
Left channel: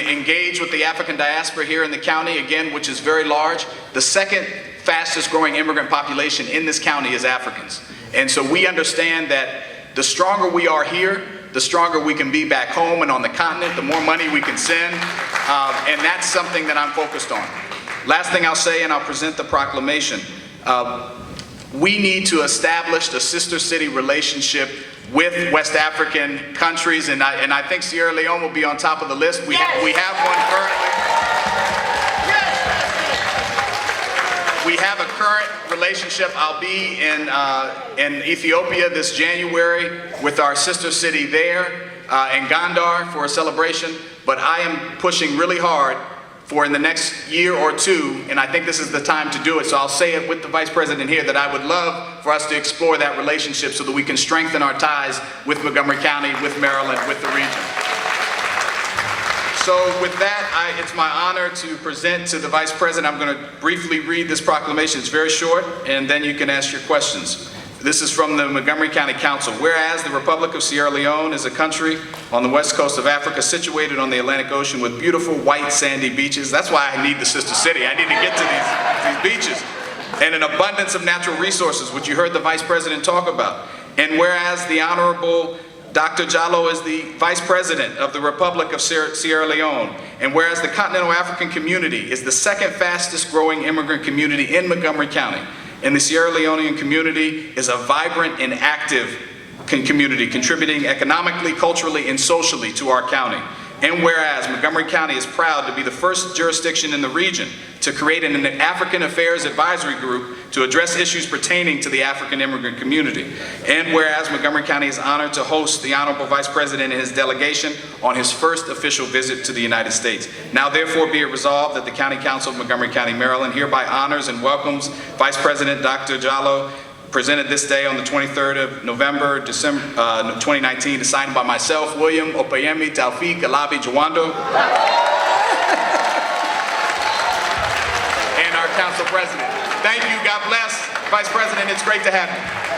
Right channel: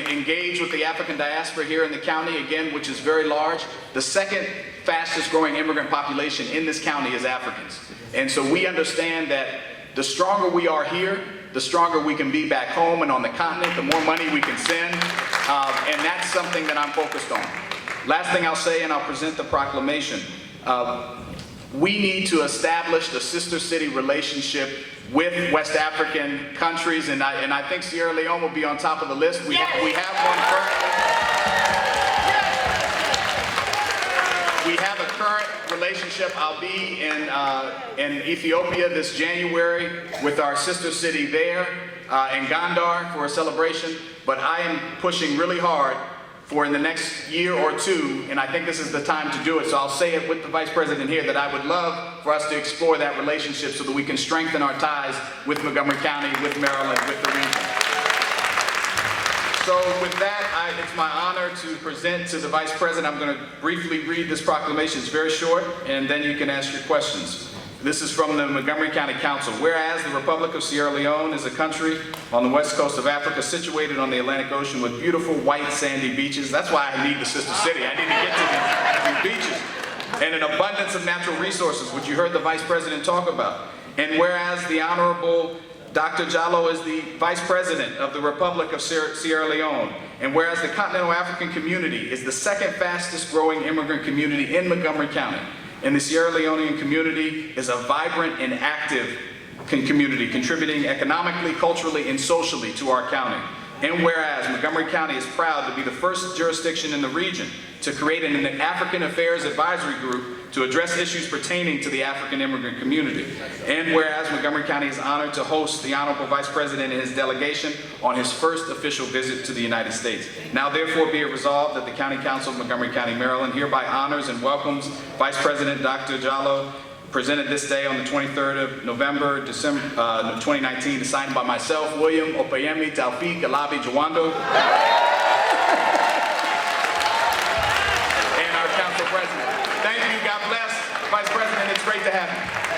engage with the African diaspora here in the county, again, which is very large. The second fastest growing immigrant population in this county is Africans. And so we understand that the stronger we are here, the stronger we can be back home and on the continent, the more money we can send, and that's something that I'm focused on. Last thing I'll say, and I'll present the proclamation. We need to establish the sister city relationship with West African countries, and I think Sierra Leone will be on top of the list. We have one currently. We have a current relationship. I'll be in Ethiopia this January with our sister city there in Gondar for a celebration, but I am pushing really hard for in the next year or two, and I think this is the time to do it, so I'll say it with the Vice President here, that I would love for us to explore that relationship so that we can strengthen our ties with Montgomery County, with Maryland, with the region. So with that, it's my honor to present to the Vice President. I'm going to briefly read this proclamation. It's very short, and then you can ask your questions. This is from the Montgomery County Council. Whereas the Republic of Sierra Leone is a country on the west coast of Africa, situated on the Atlantic Ocean with beautiful white sandy beaches. That's why I need the sister city. I need to get to these beaches. And an abundance of natural resources, which you heard the Vice President talk about. And whereas the Honorable Dr. Jalloh is the Vice President of the Republic of Sierra Leone. And whereas the continental African community is the second fastest growing immigrant community in Montgomery County. And the Sierra Leonean community is a vibrant and active community, contributing economically, culturally, and socially to our county. And whereas Montgomery County is proud to be the first jurisdiction in the region to create an African Affairs Advisory Group to address issues pertaining to the African immigrant community. And whereas Montgomery County is honored to host the Honorable Vice President and his delegation on his first official visit to the United States. Now therefore be it resolved that the County Council of Montgomery County, Maryland hereby honors and welcomes Vice President Dr. Jalloh, presented this day on the 23rd of November, 2019, signed by myself, William Opeyemi Taufik Alabi Jawando, and our Council President. Thank you, God bless. Vice President, it's great to have you.